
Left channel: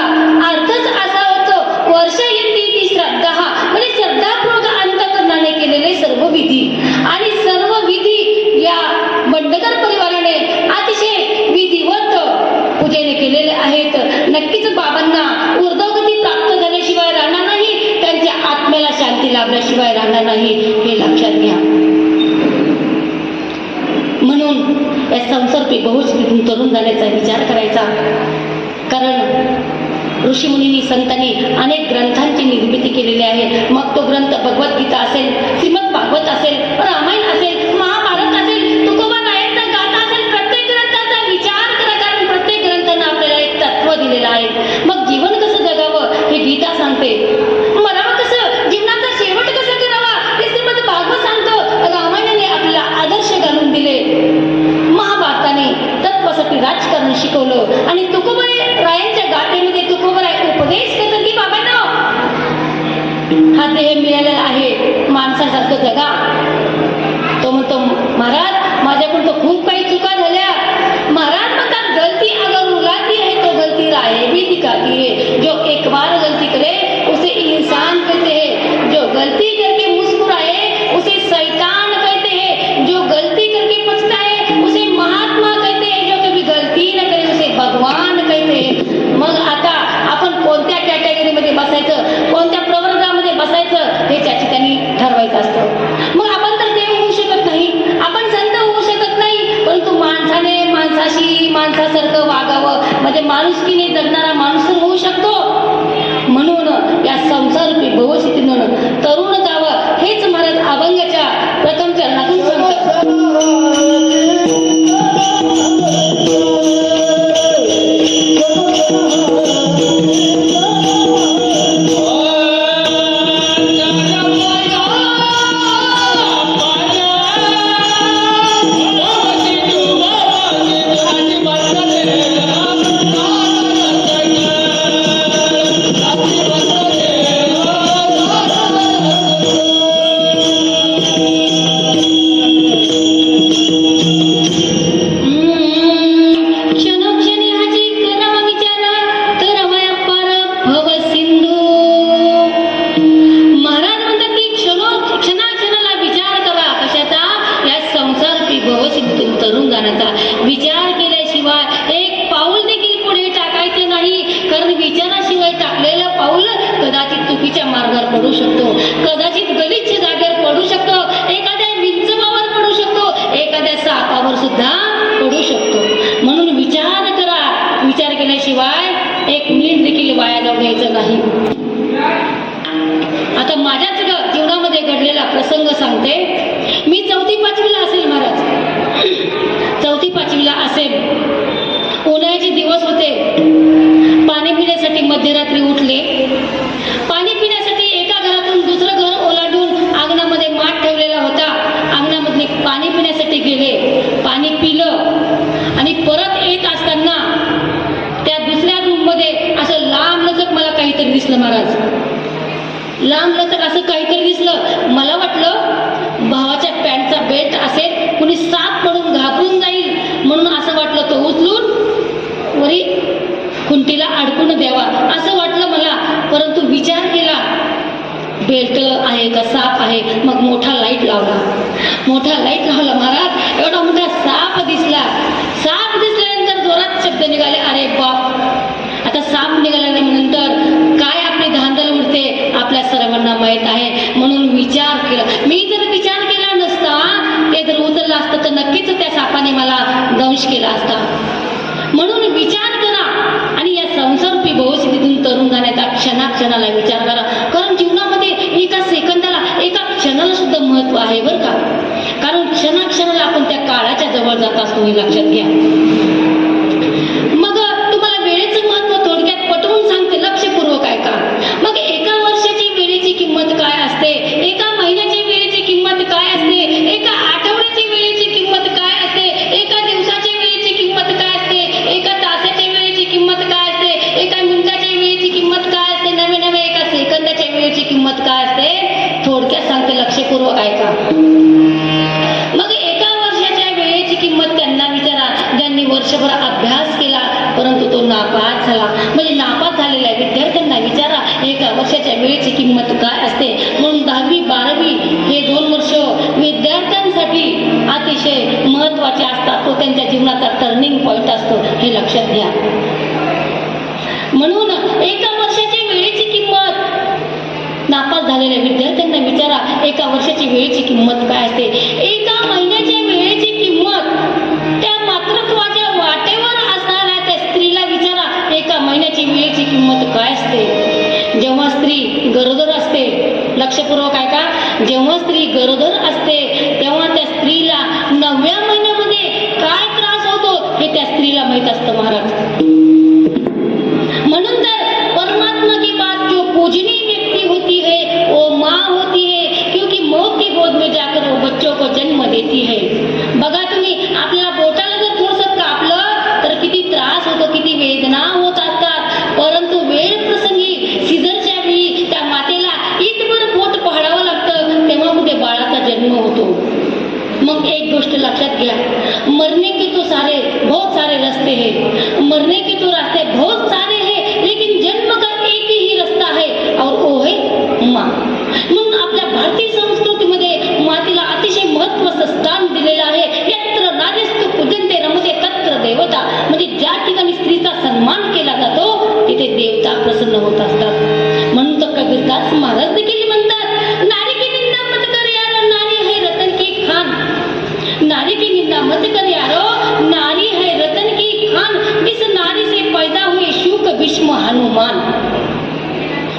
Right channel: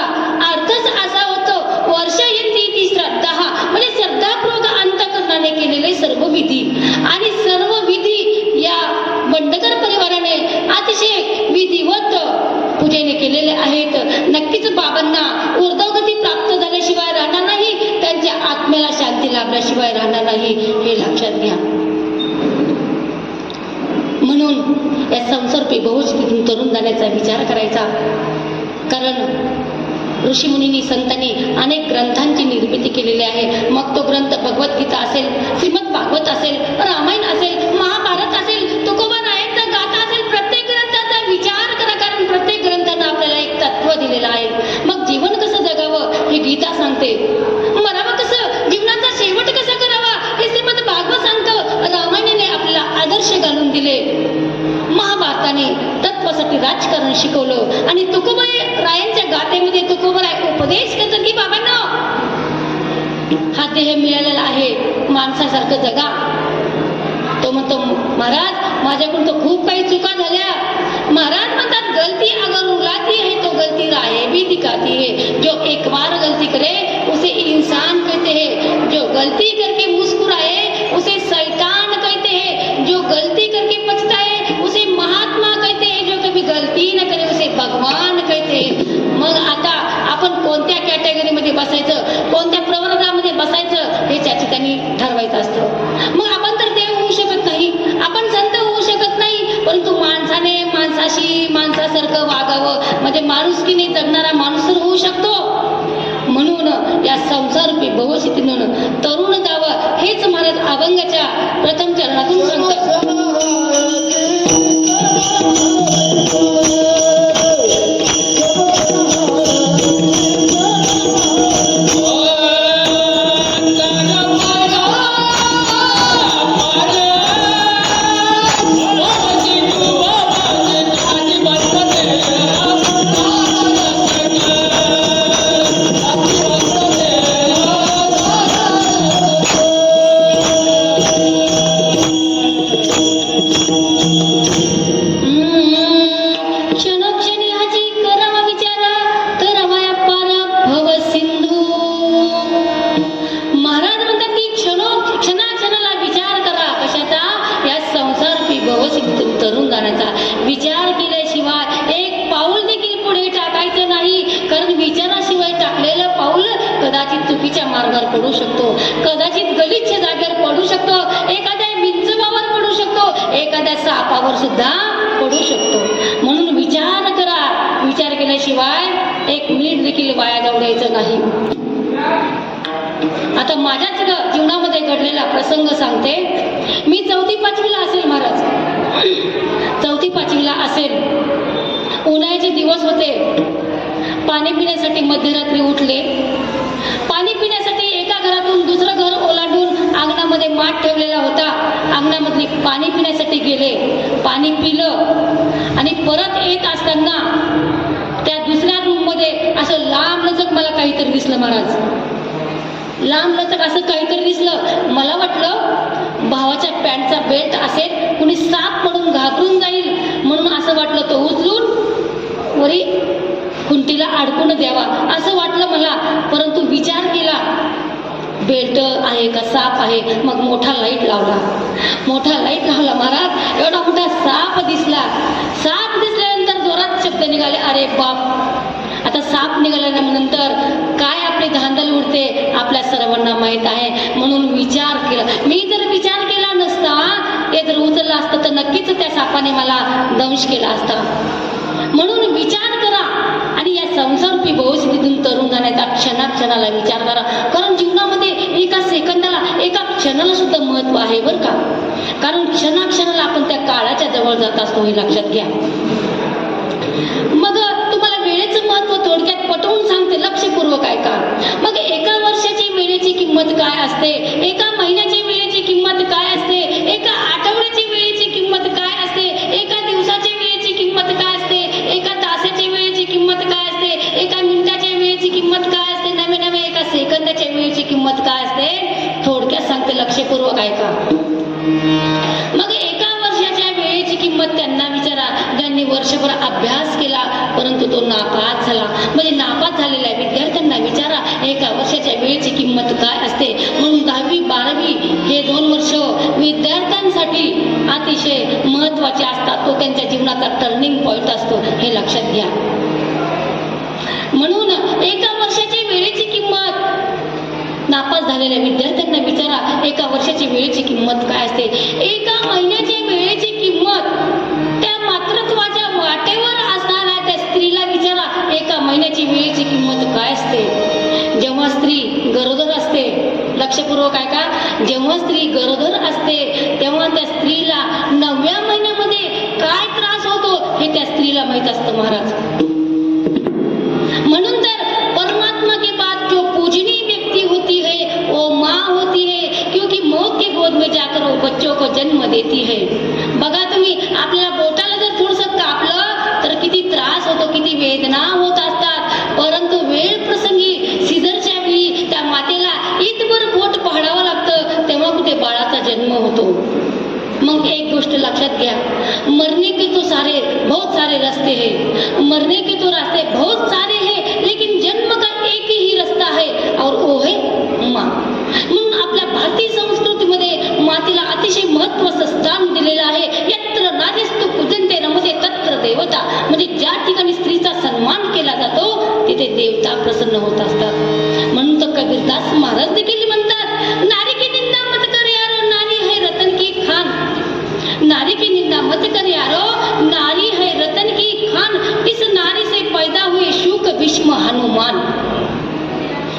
अर्थच असा होतो, वर्ष येते ती श्राद्ध हा म्हणजे श्रद्धापूर्वक अंतःकरणाने केलेले सर्व विधी आणि सर्व विधी या बंडकर परिवाराने अतिशय विधिवत पूजेने केलेले आहेत. नक्कीच बाबांना ऊर्ध्वगती प्राप्त झाल्याशिवाय राहणार नाही, त्यांच्या आत्म्याला शांती लाभल्याशिवाय राहणार नाही, हे लक्षात घ्या. म्हणून या संसारपी बहुस्थितीतून तरुण जाण्याचा विचार करायचा. कारण ऋषीमुनींनी संतांनी अनेक ग्रंथांची निर्मिती केलेली आहे. मग तो ग्रंथ भगवद्गीता असेल, श्रीमद भागवत असेल, रामायण असेल, महाभारत असेल, तुकोबा नायकचा गाथा असेल, प्रत्येक ग्रंथाचा विचार करा. कारण प्रत्येक ग्रंथानं आपल्याला एक तत्व दिलेलं आहे. मग जीवन कसं जगावं हे गीता सांगते, मरावं कसं, जीवनाचा शेवट कसा करावा हे श्रीमद भागवत सांगतं. रामायणाने आपल्याला आदर्श घालून दिले, महाभारताने तत्वासाठी राजकारण शिकवलं आणि तुकोबाई रायांच्या गाथेमध्ये तुकोबाराय उपदेश करतात की बाबांनो, हा देह मिळालेला आहे, माणसासारखं जगा. तो म्हणतो महाराज माझ्याकडून तो खूप काही चुका झाल्या. महाराज म्हणतात गलती अगर रुलाती है तो गलती राहे भी दिखाती है, जो एक बार गलती करे उसे इंसान कहते हैं, जो गलती करके मुस्कुराए उसे शैतान कहते हैं, जो गलती करके पछताए उसे महात्मा कहते हैं, जो कभी गलती न करे उसे भगवान कहते हैं. मग आता आपण कोणत्या कॅटेगरीमध्ये बसायचं, कोणत्या प्रवर्गामध्ये बसायचं हे त्याची त्यांनी ठरवायचं असतं. मग आपण तर देव होऊ शकत नाही, आपण संत होऊ शकत नाही, परंतु माणसाने माणसाशी माणसासारखं वागावं म्हणजे माणुसकीने जगणारा माणूस होऊ शकतो. म्हणून या संसाररूपी भवस्थितीतून तरुण जावं हेच महाराज अभंगाच्या प्रथम चरणातून सांगतात. पडू शकतो, कदाचित गलिच्छ जागेवर पडू शकतो, एखाद्या विंचवावर पडू शकतो, एखाद्या सापावर सुद्धा पडू शकतो. म्हणून विचार करा, विचार केल्याशिवाय एक मिनिट देखील वाया जाऊ द्यायचं नाही. आता माझ्याच जीवनामध्ये घडलेला प्रसंग सांगते. मी 4वी-5वीला असेल महाराज, 4वी-5वीला असेल. उन्हाळ्याचे दिवस होते. पाणी पिण्यासाठी मध्यरात्री उठले. पाणी पिण्यासाठी एका घरातून दुसरं घर ओलांडून अंगणामध्ये माठ ठेवलेला होता. अंगणामध्ये पाणी पिण्यासाठी गेले. पाणी पिलं आणि परत येत असताना त्या दुसऱ्या रूममध्ये असं लांबलचक मला काहीतरी दिसलं महाराज. लांबलचक असं काहीतरी दिसलं. मला वाटलं भावाच्या पॅन्टचा बेल्ट असेल, कुणी साप पडून घाबरून जाईल म्हणून असं वाटलं. तो उचलून वरी खुंटीला अडकून द्यावा असं वाटलं मला. परंतु विचार केला, बेल्ट आहे का साप आहे. मग मोठा लाईट लावला. मोठा लाईट लावला महाराज. एवढा मोठा साप दिसला. साप दिसल्यानंतर जोरात शब्द निघाले, अरे बाप. आता साप निघाल्यानंतर काय आपली धांदल उडते आपल्या सर्वांना माहीत आहे. म्हणून विचार केला. मी जर विचार केला नसता, ते जर उचललं असतं तर नक्कीच त्या सापाने मला दंश केला असता. म्हणून विचार करा आणि या संसारूपी भवस्थितीतून तरुण जाण्याचा क्षणाक्षणाला विचार करा. कारण जीवनामध्ये एका सेकंदाला, एका क्षणाला सुद्धा महत्व आहे बरं का. कारण क्षणाक्षणाला आपण त्या काळाच्या जवळ जात असतो, हे लक्षात घ्या. मग तुम्हाला वेळेचं महत्व थोडक्यात पटवून सांगते, लक्षपूर्वक ऐका. मग एका वर्षाची वेळेची किंमत काय असते ऐका. मग एका वर्षाच्या वेळेची किंमत त्यांना विचारा ज्यांनी वर्षभर अभ्यास केला परंतु तो नापास झाला. म्हणजे नापास झालेल्या विद्यार्थ्यांना विचारा एका वर्षाच्या वेळेची किंमत काय असते. म्हणून 10वी 12वी हे 2 वर्ष विद्यार्थ्यांसाठी अतिशय महत्त्वाचे असतात. तो त्यांच्या जीवनाचा टर्निंग पॉईंट असतो, हे लक्षात घ्या. म्हणून एका वर्षाची वेळेची किंमत नापास झालेल्या विद्यार्थ्यांना विचारा एका वर्षाची वेळेची किंमत काय असते. एका महिन्याच्या वेळेची किंमत त्या मातृत्वाच्या वाटेवर असणाऱ्या त्या स्त्रीला विचारा एका महिन्याची वेळेची किंमत काय असते. जेव्हा स्त्री गरोदर असते, लक्षपूर्वक ऐका, जेव्हा स्त्री गरोदर असते तेव्हा त्या स्त्रीला 9व्या महिन्यामध्ये काय त्रास होतो हे त्या स्त्रीला माहीत असतं महाराज. म्हणून तर परमात्मा की बात जो पूजनीय व्यक्ति होती है वो माँ होती है, क्योंकि मौत की गोद में जाकर वो बच्चों को जन्म देती है. बघा तुम्ही, आपल्याला बोटाला जर थोडंसं कापलं तर किती त्रास होतो, किती वेदना होत असतात. परंतु वेळ प्रसंगी सिझरच्या वेळी त्या मातेला इतभर बोट पहडावं लागतं, तेव्हा कुठे बाळाचा जन्म होतो. मग एक गोष्ट लक्षात घ्या, मरने के तो बहुत सारे रास्ते हैं, मरने के तो रास्ते बहुत सारे हैं, लेकिन जन्म का एक ही रास्ता है और वो है माँ. म्हणून आपल्या भारतीय संस्कृतीमध्ये मातेला अतिशय महत्त्वाचं स्थान दिलेलं आहे. यत्र नारीस्तु पूजन्ते नमते तत्र देवता. म्हणजे ज्या ठिकाणी स्त्रीचा सन्मान केला जातो तिथे देवता प्रसन्न होत असतात. म्हणून तर कबीरदास महाराज देखील म्हणतात, नारी की निंदा मत कर यारो, नारी है रतन की खान. नारी की निंदा मत कर यारो, नारी है रतन की खान. इस नारी से पैदा हुए शुक भीष्म हनुमान.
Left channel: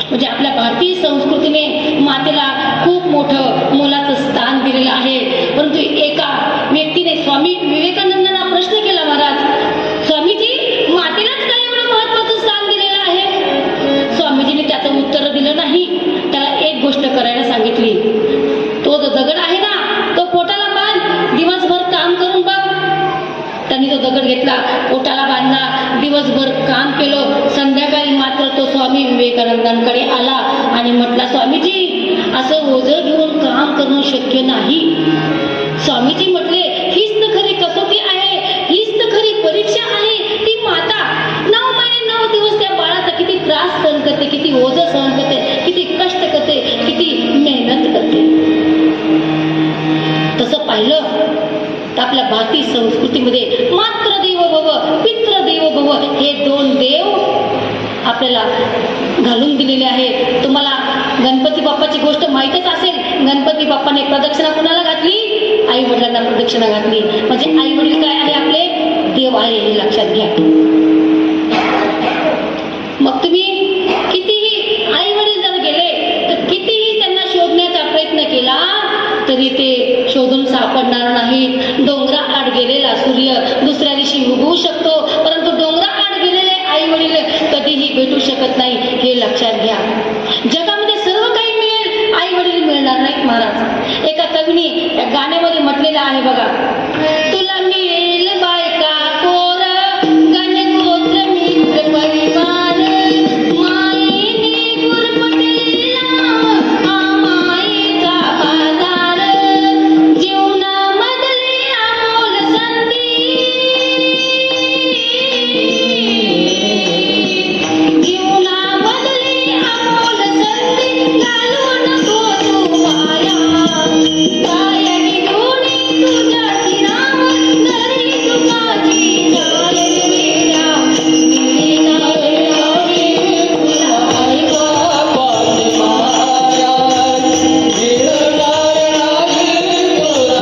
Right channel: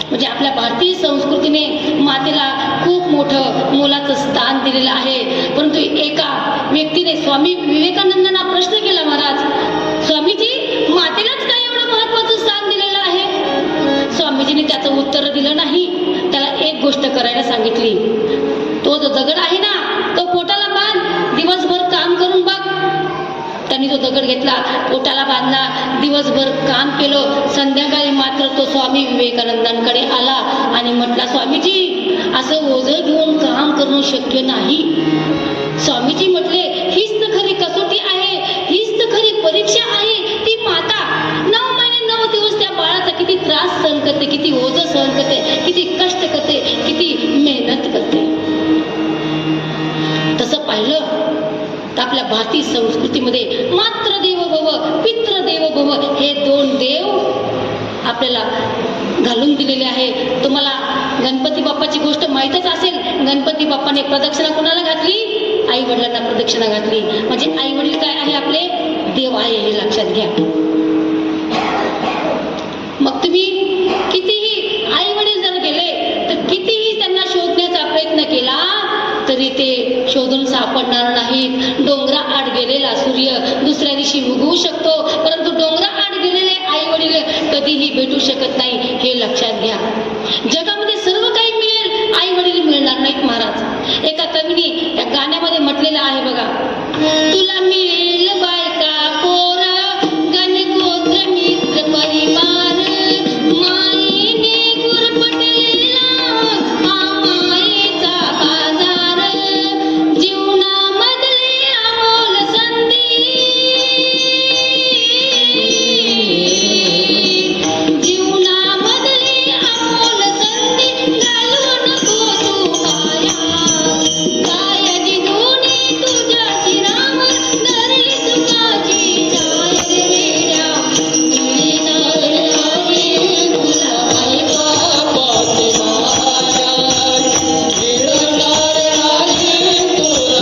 म्हणजे आपल्या भारतीय संस्कृतीने मातेला खूप मोठं मोलाचं स्थान दिलेलं आहे. परंतु एका व्यक्तीने स्वामी विवेकानंदांना प्रश्न केला, महाराज स्वामीजी, मातेलाच काय एवढं महत्त्वाचं स्थान दिलेलं आहे. स्वामीजीने त्याचं उत्तर दिलं नाही. त्याला एक गोष्ट करायला सांगितली. तो जो दगड आहे ना तो पोटाला बांध, दिवसभर काम करून बघ. त्यांनी तो दगड घेतला, पोटाला बांधला, दिवसभर काम केलं. संध्याकाळी मात्र तो स्वामी विवेकानंदांकडे आला आणि म्हटला, स्वामीजी, असं ओझं घेऊन काम करणं शक्य नाही. स्वामीजी म्हटले, हीच तर खरी कसोटी आहे, हीच तर खरी परीक्षा आहे. ती माता 9 महिने 9 दिवस त्या बाळाचा किती त्रास सहन करते, किती ओझं सहन करते, किती कष्ट करते, किती मेहनत करते. तसं पाहिलं तर आपल्या भारतीय संस्कृतीमध्ये मात्र देवो भव, पितृ देवो भव हे 2 देव आपल्याला घालून दिलेले आहे. तुम्हाला गणपती बाप्पाची गोष्ट माहीतच असेल. गणपती बाप्पाने प्रदक्षिणा कोणाला घातली? आई वडिलांना प्रदक्षिणा घातली. म्हणजे आई वडील काय आहे? आपले देव आहे, हे लक्षात घ्या. मग तुम्ही कितीही आई वडील जर गेले तर कितीही त्यांना शोधण्याचा प्रयत्न केला तरी ते शोधून सापडणार नाहीत. डोंगराआड गेलेला सूर्य दुसऱ्या दिवशी उगवू शकतो, परंतु डोंगराआड गेलेले आई वडील कधीही भेटू शकत नाही, हे लक्षात घ्या. जगामध्ये सर्व काही मिळेल, आई वडील मिळणार नाहीत महाराज. एका कवीने त्या गाण्यामध्ये म्हटलेलं आहे बघा, तुला मिळेल बायका पोर गणगोत्र मित्र परिवार, मायेने गुरफटलेला हा मायेचा बाजार, जीवनामधली अमोल संधी, जीवनामधली अमोल संधी घालू नको तू वाया, कायाची दोन्ही तुझ्या शिरावर धरली सुखाची छाय वेड्या, मिळणार नाही तुला बायका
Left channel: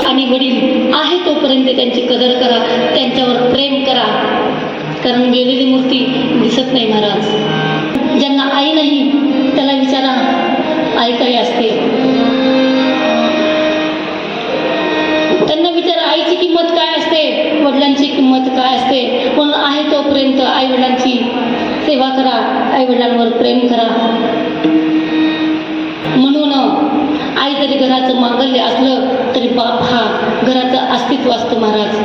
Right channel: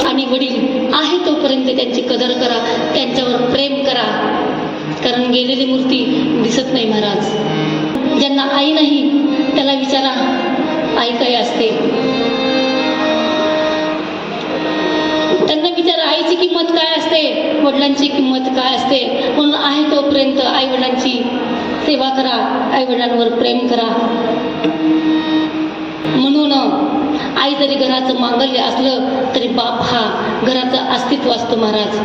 आणि वडील आहे तोपर्यंत त्यांची कदर करा, त्यांच्यावर प्रेम करा. कारण गेलेली मूर्ती दिसत नाही महाराज. ज्यांना आई नाही त्याला विचारा आई काय असते. त्यांना विचारा आईची किंमत काय असते, वडिलांची किंमत काय असते. म्हणून आहे तोपर्यंत आई वडिलांची सेवा करा, आई वडिलांवर प्रेम करा. म्हणून आई जरी घराचं मांगल्य असलं तरी बाप हा घराचं अस्तित्व असतं महाराज.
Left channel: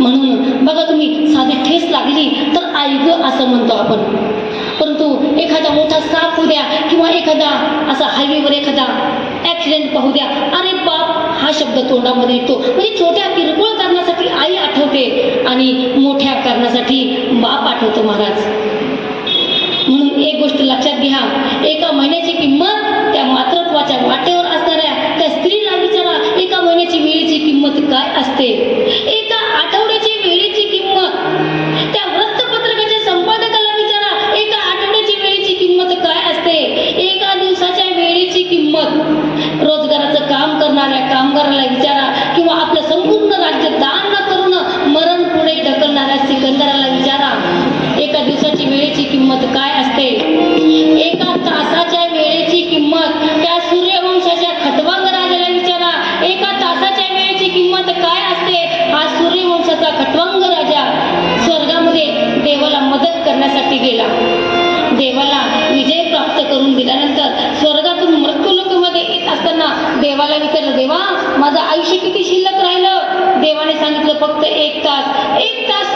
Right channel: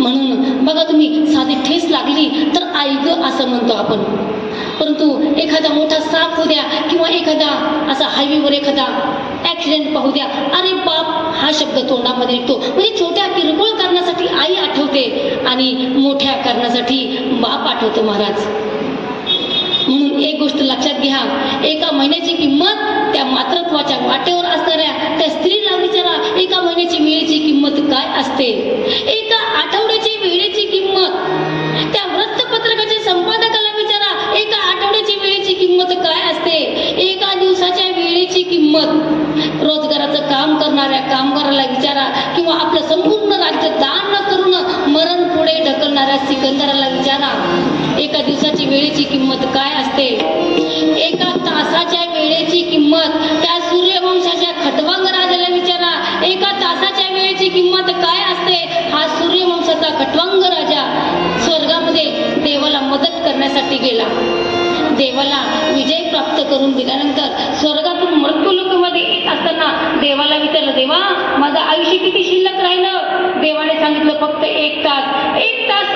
म्हणून बघा तुम्ही, साधी ठेस लागली तर आई ग असं म्हणतो आपण. परंतु एखादा मोठा साप होऊ द्या किंवा एखादा असा हायवेवर एखादा ॲक्सिडेंट पाहू द्या, अरे बाप हा शब्द तोंडामध्ये येतो. म्हणजे छोट्या किरकोळ कारणासाठी आई आठवते आणि मोठ्या कारणासाठी बाप आठवतो महाराज. म्हणून एक गोष्ट लक्षात घ्या, एका महिन्याची किंमत त्या मातृत्वाच्या वाटेवर असणाऱ्या त्या स्त्रीला विचारा, एका महिन्याची वेळेची किंमत काय असते, एका आठवड्याची वेळेची किंमत. त्या वृत्तपत्रकाच्या संपादकाला विचारा, एका आठवड्याची वेळेची किंमत काय असते, एका दिवसाच्या वेळेची किंमत. रोजगाराचं काम करणाऱ्या कामगाराला विचारा, किंवा आपलं संपूर्ण राज्य दान न करून मरण पुढे ढकलणाऱ्या सिकंदराला विचारा, एका दिवसाची वेळेची किंमत काय असते, एका तासाच्या वेळेची किंमत. त्या सूर्यवंशाच्या खटवांग राजाला विचारा, एका तासाच्या वेळेची किंमत काय असते. हा सूर्यवंशाचा खटवांग राजा स्वर्गामध्ये देवाला मदत करण्यासाठी गेला. देवाला विजय प्राप्त करून दिल्यानंतर स्वर्गातून मृत्यूलोकामध्ये येत असताना देवाला विचारलं, देवा माझं आयुष्य किती शिल्लक राहिलं. देवाने सांगितलं, फक्त 1 तास. 1 तास.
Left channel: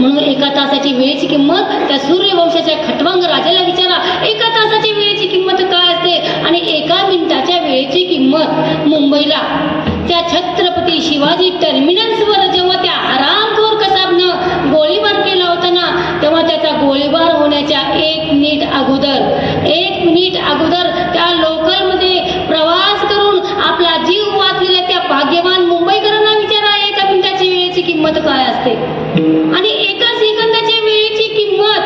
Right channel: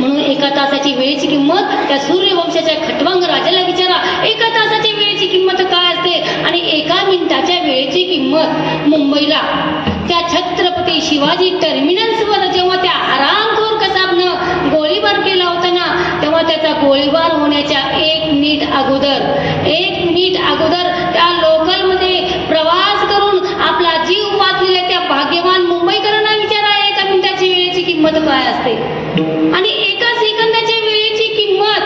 म्हणून 1 तासाची वेळेची किंमत त्या सूर्यवंशाच्या खटवांग राजाला विचारा, 1 तासाची वेळेची किंमत काय असते. आणि 1 मिनिटाच्या वेळेची किंमत. मुंबईला त्या छत्रपती शिवाजी टर्मिनसवर जेव्हा त्या हरामखोर कसाबनं गोळीबार केला होता ना, तेव्हा त्याचा गोळीबार होण्याच्या 1 मिनिट अगोदर त्या लोकलमध्ये प्रवास करून आपला जीव वाचलेल्या त्या भाग्यवान मुंबईकरांना विचारा, 1 मिनिटाची वेळेची किंमत काय असते. आणि 1 सेकंदाच्या वेळेची किंमत.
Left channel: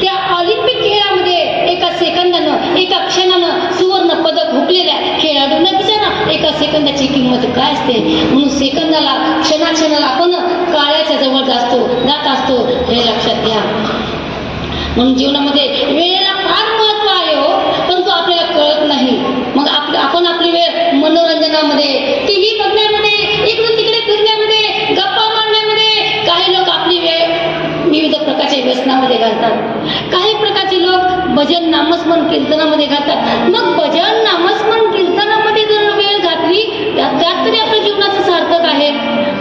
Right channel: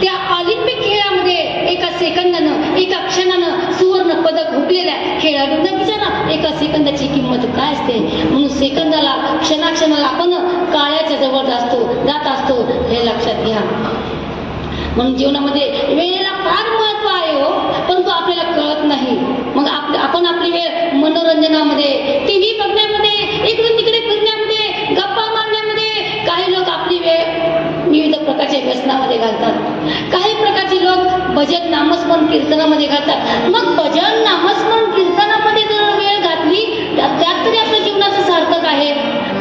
त्या ऑलिम्पिक खेळामध्ये 1 सेकंदानं 1 क्षणानं सुवर्ण पदक हुकलेल्या खेळाडूंना विचारा, 1 सेकंदाची किंमत काय असते. म्हणून सेकंदाला क्षणाक्षणाला आपण काळ्याच्या जवळ जात असतो हे लक्षात घ्या. म्हणून जीवनामध्ये वेळेला फार महत्व आहे हो, परंतु आपल्याला कळत नाही. मग आपण आपली वेळ मनोरंजनामध्ये, टीव्ही बघण्यामध्ये, इकडून तिकडे फिरण्यामध्ये, गप्पा मारण्यामध्ये, काही लोक आपली वेळ विविध प्रकारच्या व्यसनामध्ये घालतात. काही प्रकारचे लोक भजन नामस्मरण कीर्तनामध्ये घालतात. मग भजन नामस्मरण कीर्तनामध्ये जर वेळ घातली त्यात तरी आपल्या जीवनाचं सार्थक आहे.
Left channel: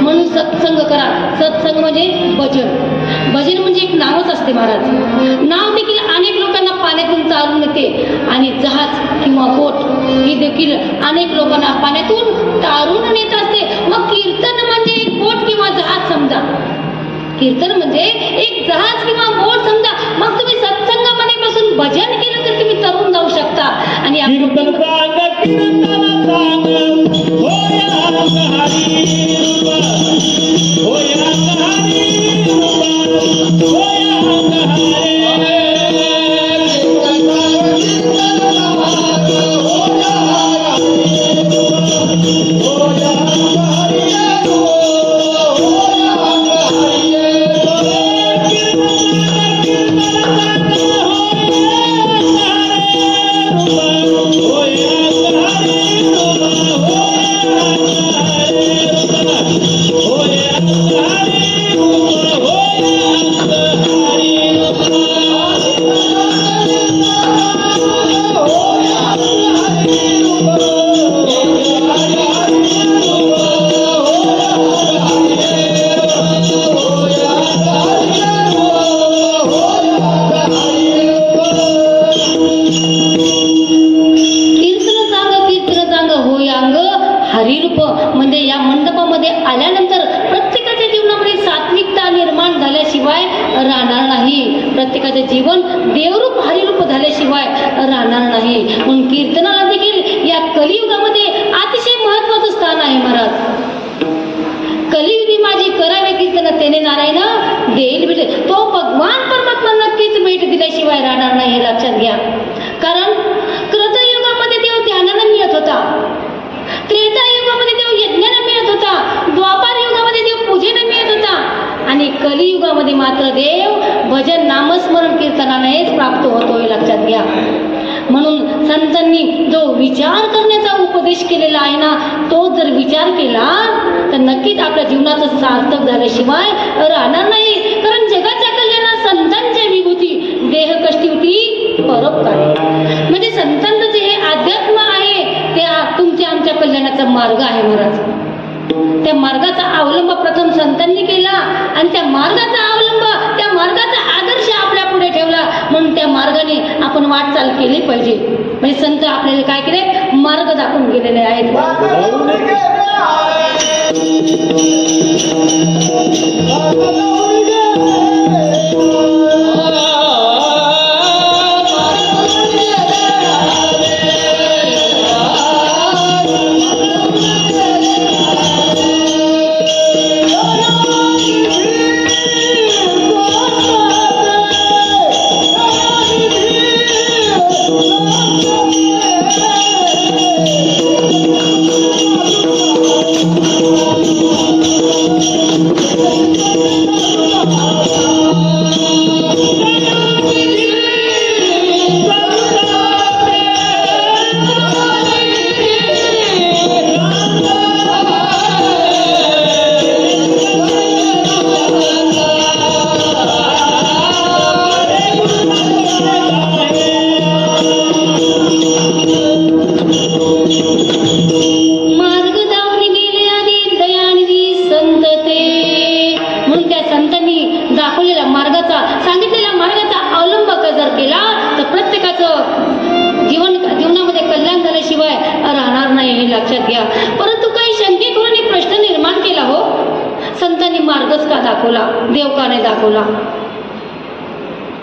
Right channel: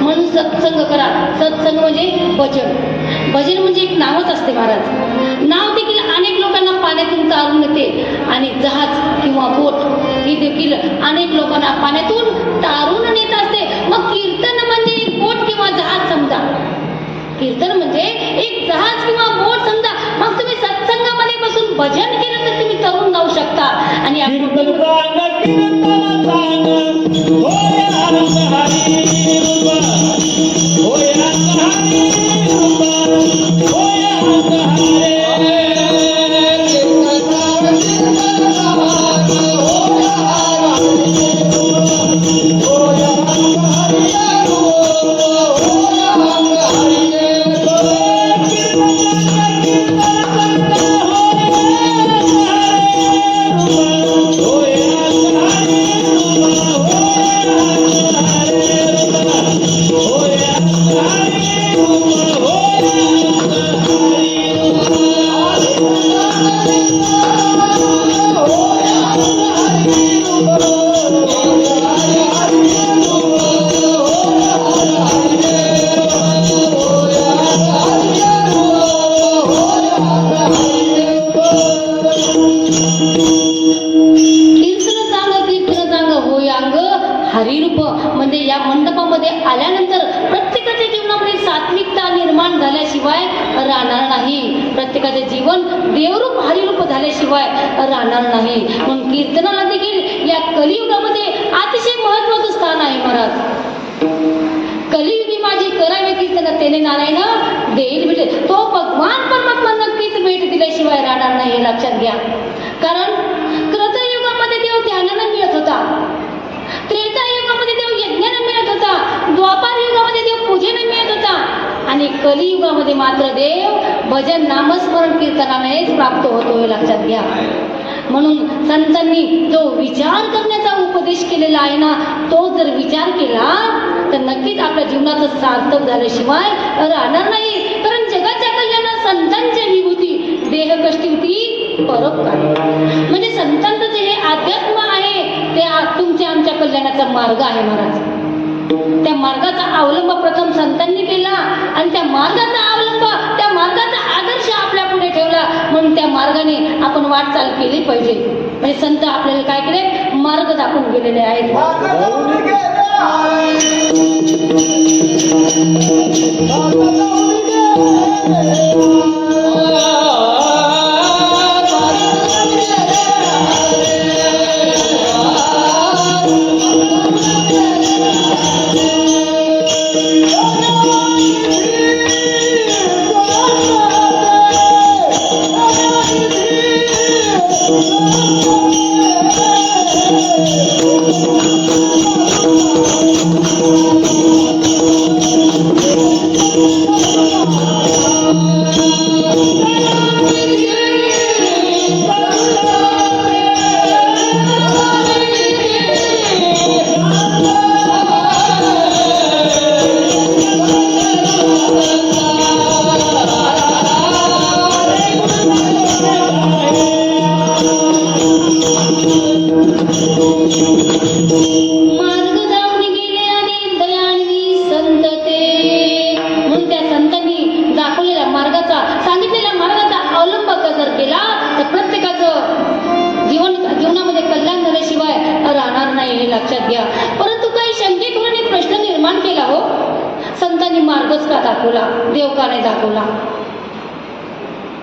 म्हणून सत्संग करा. सत्संग म्हणजे भजन. भजन म्हणजे एक नावच असते महाराज. नाव देखील अनेक लोकांना पाण्यातून तारून नेते आणि जहाज किंवा बोट ही देखील अनेक लोकांना पाण्यातून तारून नेत असते. मग कीर्तन म्हणजे एक बोट किंवा जहाज समजा. कीर्तन म्हणजे एक जहाज किंवा बोट समजा. मग तुम्ही सत्संगामध्ये बसून भजन केलं तर तुम्ही तरून जाऊ शकता. आणि मध्ये मात्र देव भजन नामस्मरण कीर्तनानेच प्राप्त होतो हे लक्षात घ्या. म्हणून संतांनी जो विचार करण्याचा उपदेश केलेला आहे ना, तो जर विचार केला तर नक्कीच आपल्या जीवनाचं सार्थक झाल्याशिवाय राहणार नाही. कारण जगाच्या कल्याणात संतांची विभूती देह कष्टी होती परोपकार. म्हणजे संतांचं जे हे अध्यात्म आहे त्या तुमच्या आमच्या कल्याणाचा मार्ग आहे महाराज. त्या मार्गाचा अवलंब प्रथम संतांनी केला आणि त्या मार्गाचा अवलंब, त्या मार्गाचा आदर्श आपल्या पुढे ठेवला. म्हणून त्या मार्गाने आपण वाटचाल केली पाहिजे. म्हणजे संत आपल्याला काय केले, मार्ग दाखवून गेलेले आहेत. देव का नाही दाखवला?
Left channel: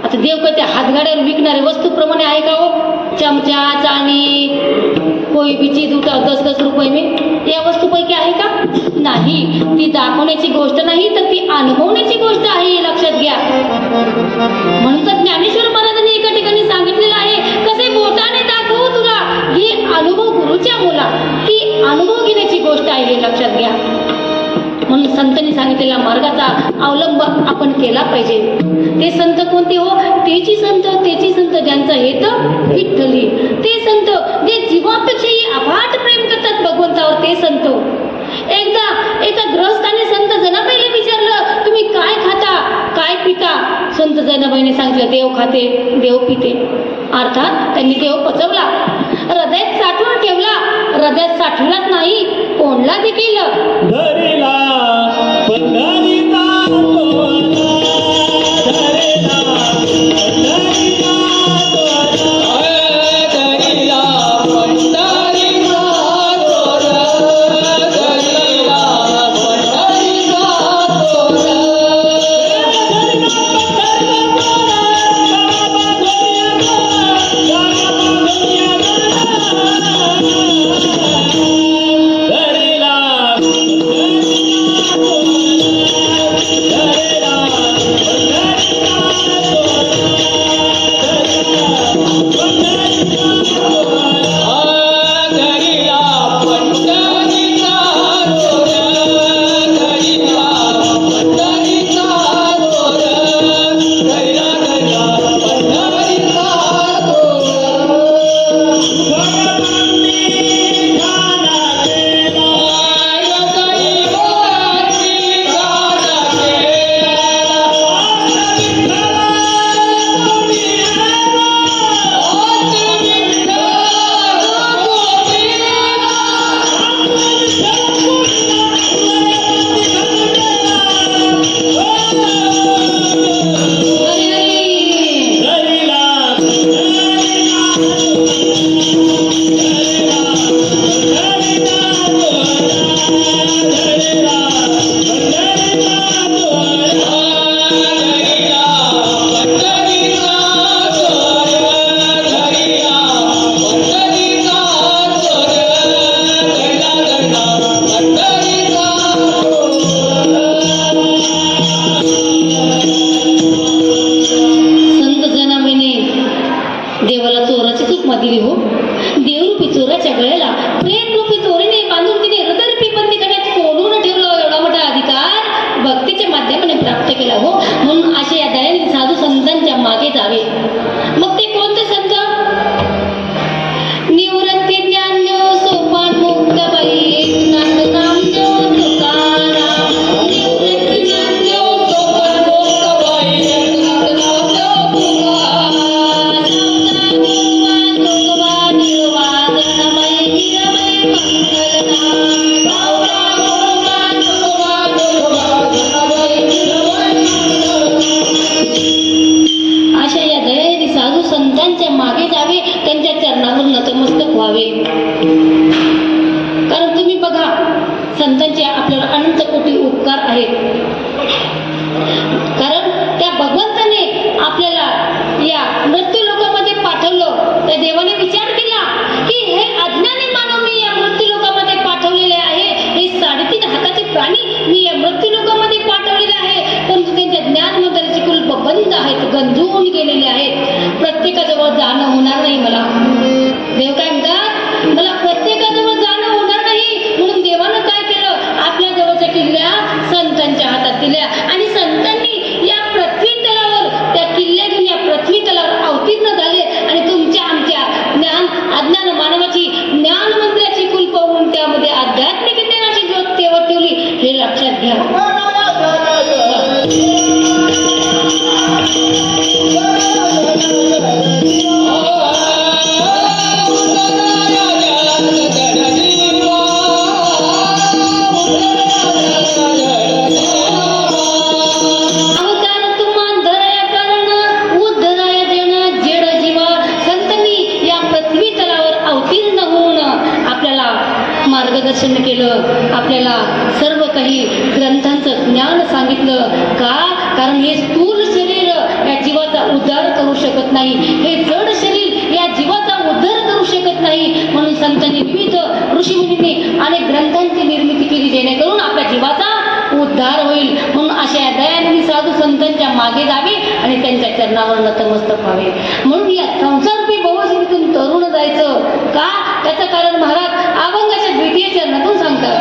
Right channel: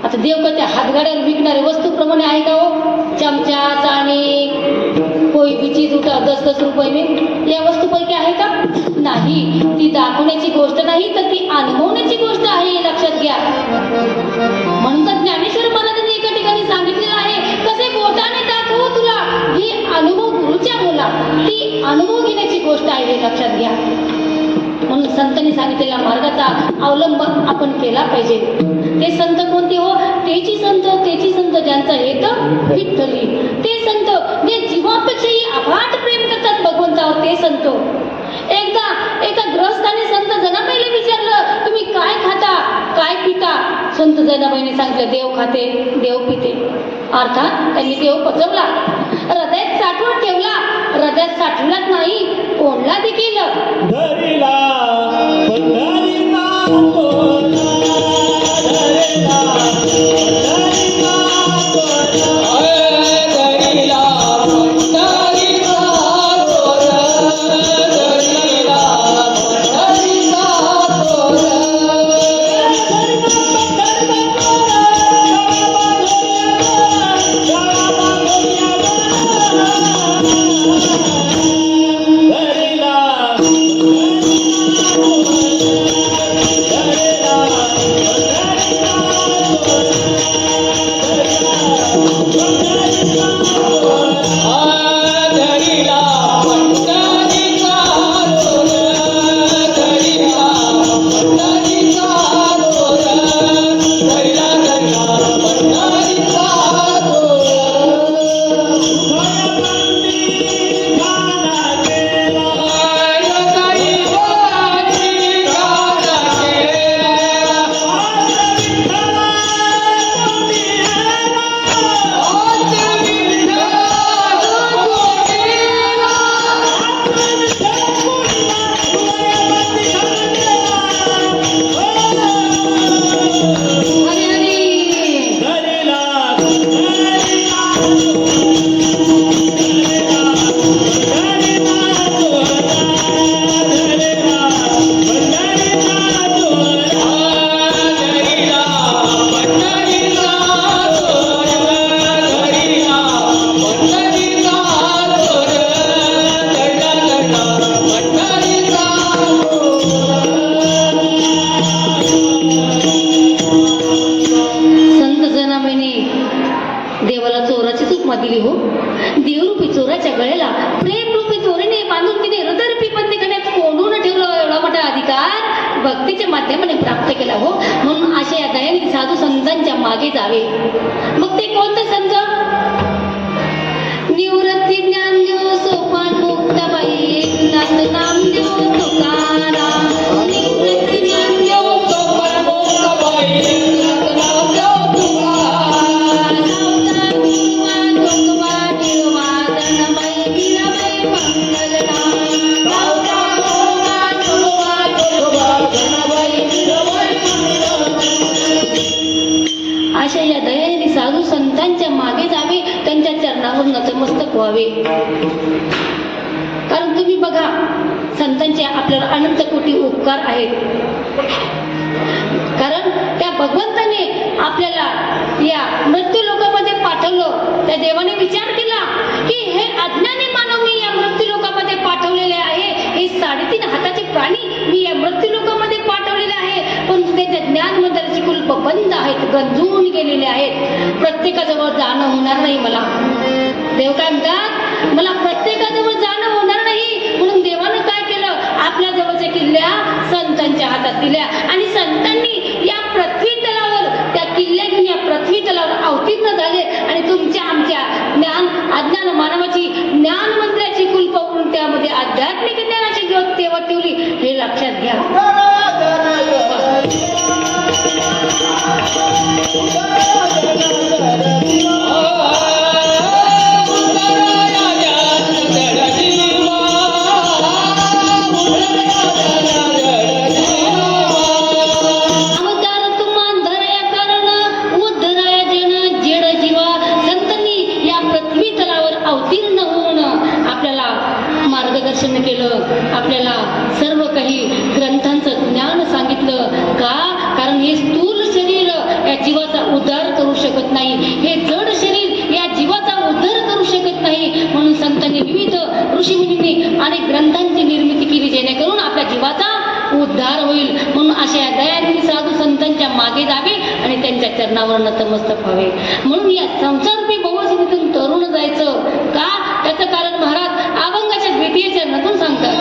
आता देव का त्या हातगाड्यावर विकणारे वस्तूप्रमाणे आहे का हो? चमचा, चाणी, कोई भी चीज उठाव 10-10 रुपये में, या वस्तूपैकी आहे का? नाही. ती दाखवण्याची गोष्ट नाही तर ती अनुभवण्याची गोष्ट आहे, हे लक्षात घ्या. म्हणून तर ज्ञानेश्वर महाराजांनी एका ठिकाणी सांगितलेलं आहे, कसे बोटाने दाखवू तुला, हे अनुभव गुरुच्या बोला, ती अनुभव घेण्याची गोष्ट आहे, हे लक्षात घ्या. म्हणून संतांनी सांगितलेला मार्गाचा अवलंब आपण केला पाहिजे. ते संत कोणते हो? तेची संत ज्यांचा हेत विठ्ठली. ते संत जे जीवापेक्षाही अफाट प्रेम करतात भगवंतावर, ते संत. एकदा एका ग्रहस्थाने संत जनाबाईला विचारलं, तुम्ही काय खाता, काय पिता? संत जनाबाईने सांगितलं, देव खाते, देव पिते. अर्थात त्यांनी देव पचवला, हृदयात साठवून ठेवला. हृदयात साठवलाच नाही, कोणला देखील देवाला चोराची सूक्ष्म दिली हो. देवरूपी चोराच्या गळ्याला प्रेमरूपी चोरीने बांधून तिने हृदयरूपी बंदीखान्यात कोंडून ठेवलं. एवढा मोठा अधिकार भक्तीच्या माध्यमाने प्राप्त केला हो. म्हणून मागे जावे. मग ते कोणते संत? निवृत्ती ज्ञानदेव सोपान मुक्ताबाई एकनाथ नामदेव तुकाराम. निवृत्ती ज्ञानदेव सोपान मुक्ताबाई एकनाथ नामदेव तुकाराम. नामदेव तुकोबा निर्वाणमय वीरमय मंगलनाम. अशा या दयानिधी साधू संतांच्या मागे जावे, त्यांच्या चरणावर नतमस्तक व्हावे. कारण तुम्ही बघा, संतांचे आपल्यावर अनंत कोटी उपकार आहेत. कारण त्या भगवंताने आपल्याला या मृत्यू लोकांमध्ये पाठवलं. त्या देवाने विचार केला की हे अज्ञानी मानव मी या मृत्यू लोकांमध्ये पाठवलेले आहे, हे 3.5 हाताचे प्राणी मी या मृत्यू लोकांमध्ये पाठवलेले आहे, परंतु त्यांच्या ज्ञान मंदिराची कुलप बंद आहेत, गंजून गेलेले आहेत. प्रत्येकाजवळ जाणं होणार नाही. मला देव काय म्हणतात, मला प्रत्येकाजवळ जाणं होणार नाही. म्हणून देवानं काय केलं, आपल्या जवळच्या किल्ल्या संतांच्या हातात दिल्या आणि संतांनी या पृथ्वी तलावर त्या किल्ल्या घेऊन या पृथ्वी तलावर अवतीर्ण झाले आणि तुमच्या आमच्या अज्ञान मानवाची ज्ञान मंदिराची कुलप होऊन त्यामध्ये आध्यात्मिक ज्ञानाची ज्योत तेवत ठेवली. हे लक्षात घ्या. मार्गदर्शन केलं, आपल्याला सर्व काही ग्रंथांचं ज्ञान सांगितलं. का? कारण हे स्थूल शरीर या जीवाचा उद्धार करू शकत नाही, हे जड शरीर या जीवाचा उद्धार करू शकत नाही. म्हणून संतांनी विविध ऋषीमुनींनी अनेक ग्रंथांची निर्मिती केली, जेणेकरून आपल्या जीवाचा उद्धार होईल. म्हणून अशा या दयानिधी साधू संतांच्या मागे जावे आणि त्यांच्या चरणावर नतमस्तक व्हावे. म्हणून या संसाररूपी भवसिंधूतून तरुण जायचं. का? त्याचं कारण महाराज अभंगाच्या द्वितीय चरणातून सांगतात.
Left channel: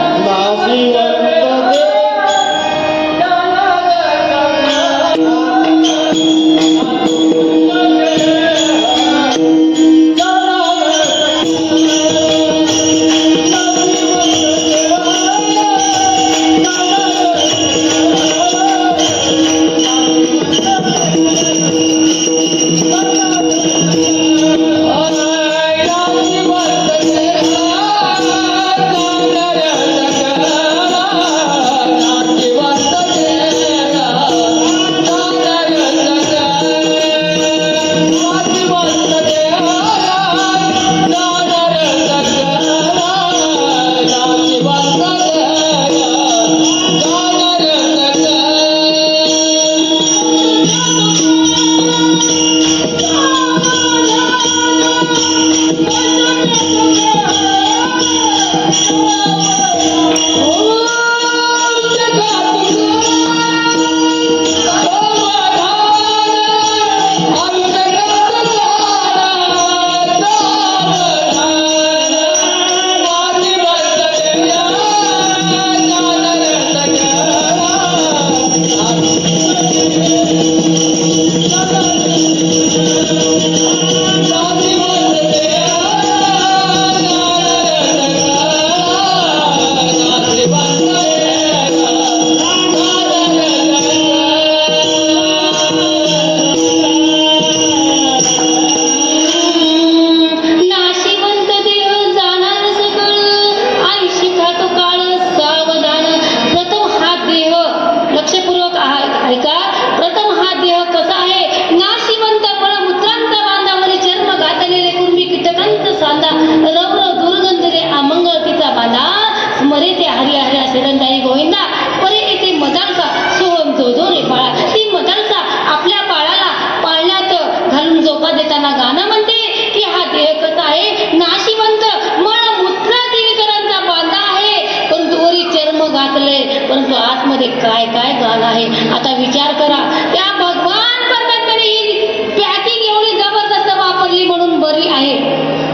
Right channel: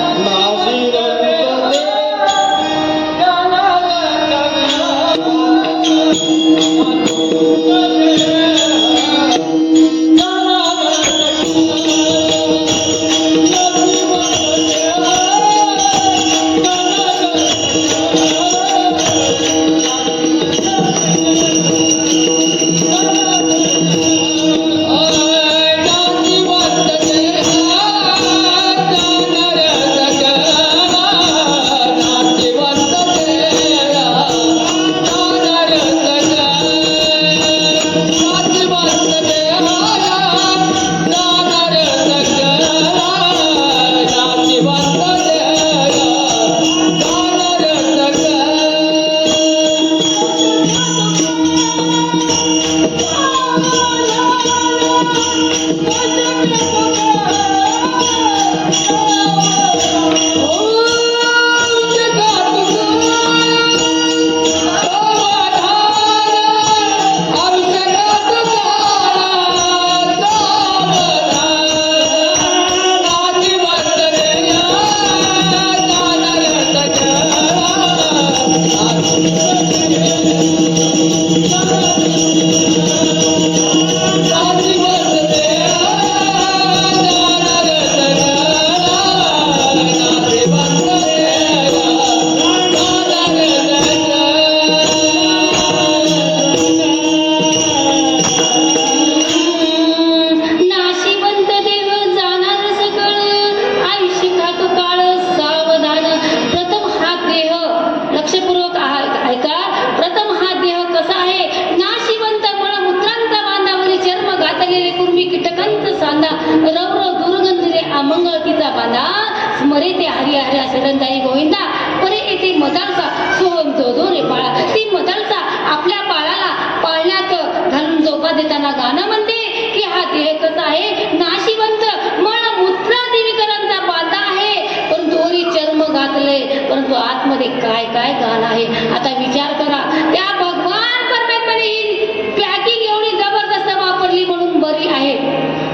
परंतु आतमध्ये काय काय गाणं आहे. आता विचार करा, त्या भगवान परमात्म्याने ही पॅकिंग एवढी जबरदस्त वापरली म्हणून बरी आहे.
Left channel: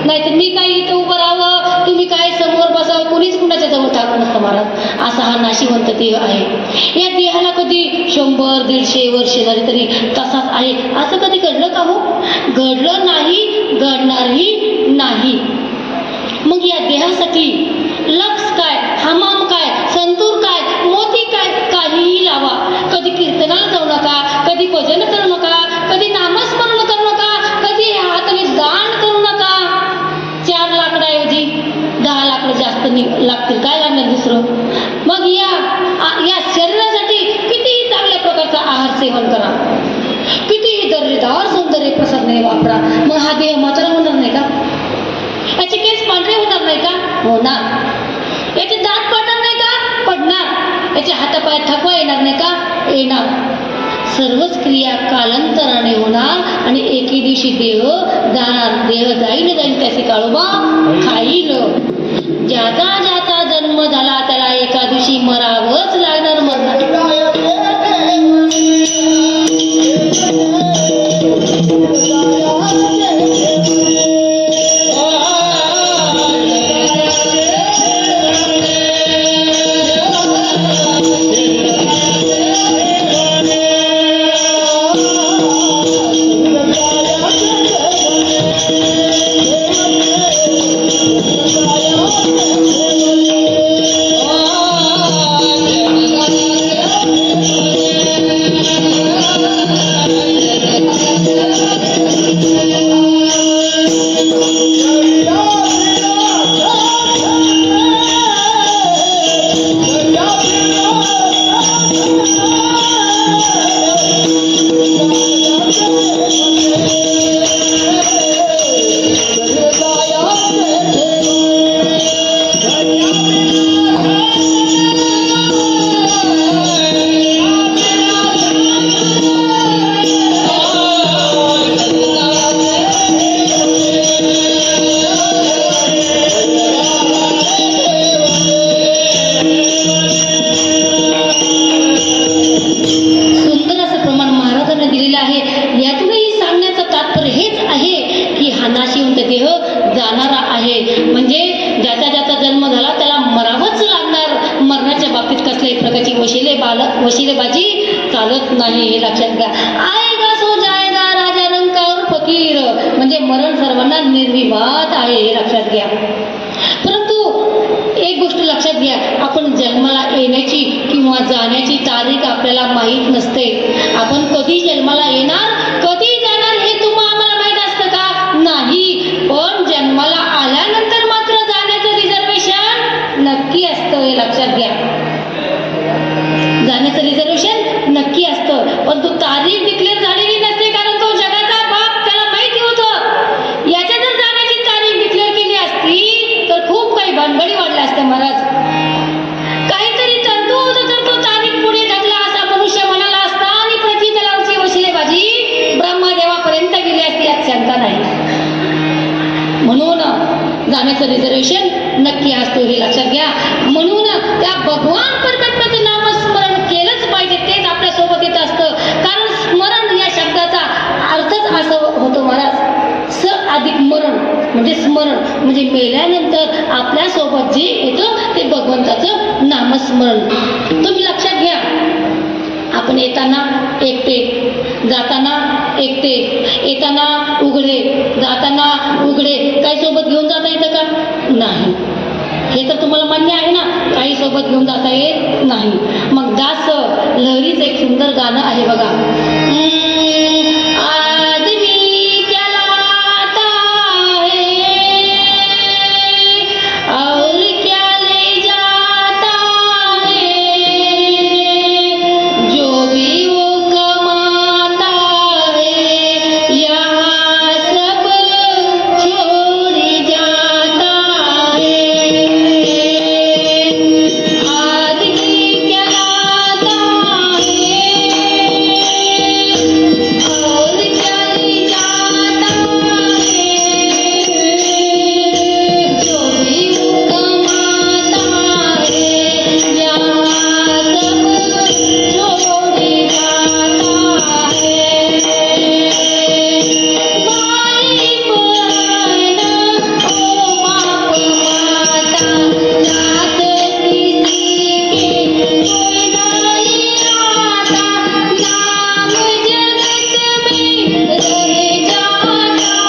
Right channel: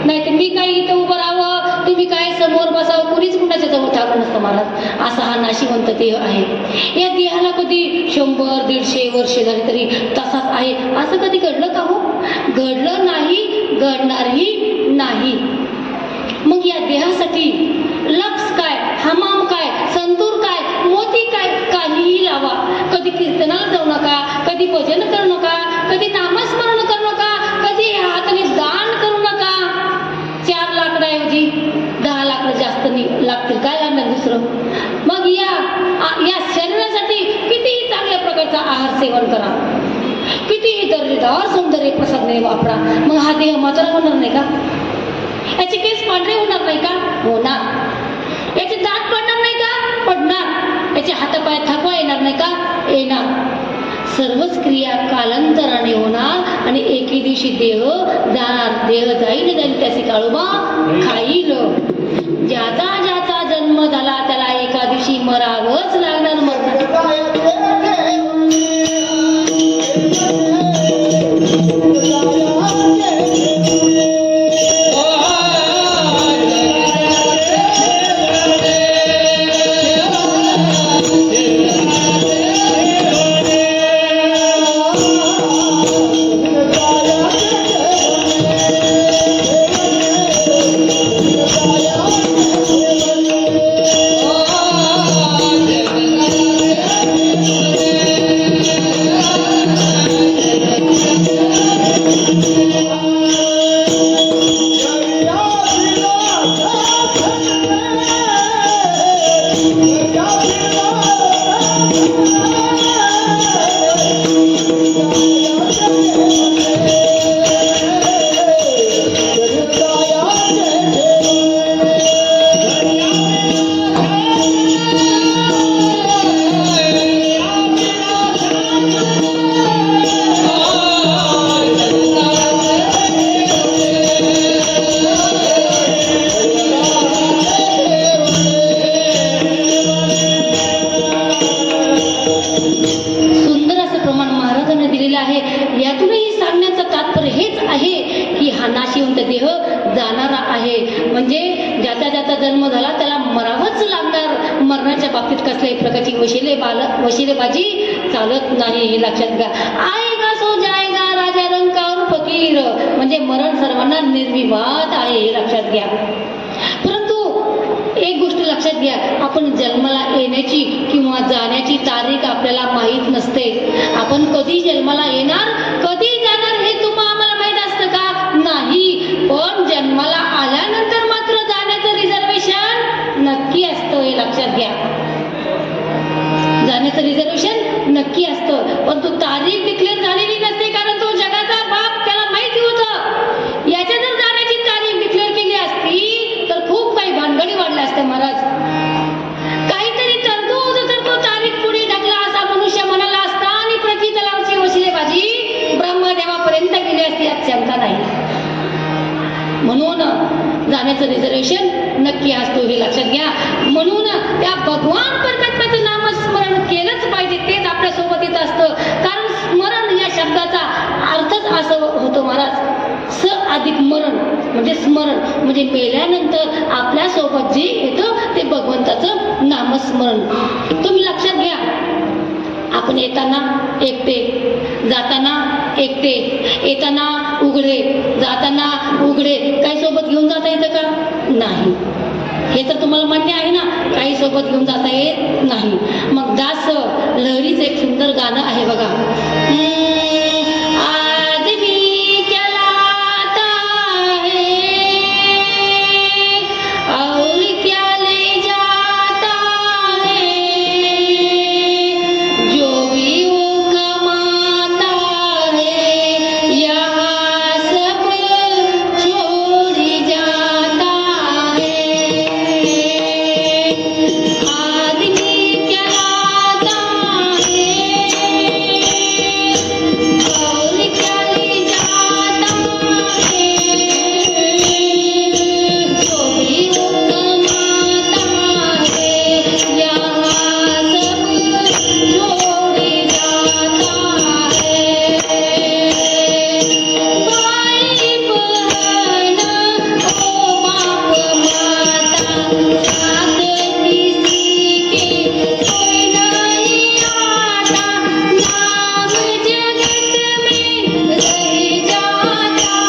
नाहीतर मी काही इथं उभं राहावं, तुम्ही काय समोर बसावं, कुणीच कुणाच्या जवळ सारखं नसतं महाराज. असा हा नाशिवंत देह आहे. या देहाला कधी 100-150 वर्ष झाली तरी तसाच आहे असं कधी घडलं का हो? घडलं नाही, घडणारही नाही. मग या देहासाठी लक्स काय, हमाम काय, संतूर काय, मोती काय, काहीही लावा. कधी कीर्तनाला जाऊ नका, कधी भजन करू नका, कधी नामस्मरण करू नका, कधी हाताने दान करू नका. 4 लाकडाऐवजी 10 लाकडं जास्त लागतील, काय लागणार दुसरं? मग या शरीरासाठी कितीही चांगल्या प्रकारचा आहार सेवन करा, कितीही दर्जेदार सौंदर्य प्रसाधने वापरा, मग हा देह म्हातारा होणार नाही का? याचे केस पांढरे होणार नाही का? होणार. याचे दात पडणार नाही का? पडणार. याचे हातापाय थकवा येणार नाही का? येणार. सर्वच क्रिया कालांतराने होणार आणि एके दिवशी देह जाणार. देह जाईल त्याचे काळोबा खाईल. ज्याचा ज्याचा जन्म झाला त्याला एका दिवशी मरावंच लागणार. मरणार. वशिलेबाजी चालत नाही, हे लक्षात घ्या. आएगा सो जाएगा राजा रंग का और फकीर, म्हणजे मरण सर्वांना निर्विवाद आहे, हे लक्षात घ्या. परंतु एक गोष्ट लक्षात घ्या, आपण जन्माला येण्याची किंवा जाण्याची तारीख आपल्याला माहीत नसते. आपण कधी जन्माला येणार, कधी जाणार हे आम्हाला माहीत असतं का? नाही. पण जन्माला आल्यानंतर मात्र जाण्याचं रिझर्वेशन नक्की असतं, हे लक्षात घ्या. जाण्याचं रिझर्वेशन नक्की असतं, पण तो तारीख डिक्लेअर झालेली नसते, कारण तो जगाचा बाप, त्याला माहिती होतं याच्या जर जाण्याची तारीख डिक्लेअर केली असती तर खूप काही भानगडी वाढल्या असत्या महाराज. काहीतरी तरतूद होतं तर तो तारीख पुढे ढकला असा मनुष्य म्हणाला असता आणि पृथ्वी तलावरची वशिलेबाजी ब्रह्मदेवापर्यंत गेली असती, यात शंका नाही. म्हणून जाण्याचं रिझर्वेशन नक्की असतो, हे लक्षात घ्या. म्हणून त्या भगवान परमात्म्याचं नामस्मरण केलंच पाहिजे, तेच आपल्या सोबत येत असतं. कारण स्मरण या शब्दाचा अर्थच असं होतो महाराज, स अधिक मरण म्हणजे स्मरण, म्हणजे मेल्यानंतर आपल्या सोबत जे येतं ते भगवंताचं नामस्मरण. तुम्ही लक्षात घ्या, आपण येताना एकटे, जाताना एकटे, येताना उघडे, जाताना उघडे, काही सोबत घेऊन जाता येतं का? नाही. हे तर तुम्हाला मान्य आहे ना, काही सोबत घेऊन जाता येत नाही. मग दास लहरीचं एक सुंदर गाणं आहे बघा.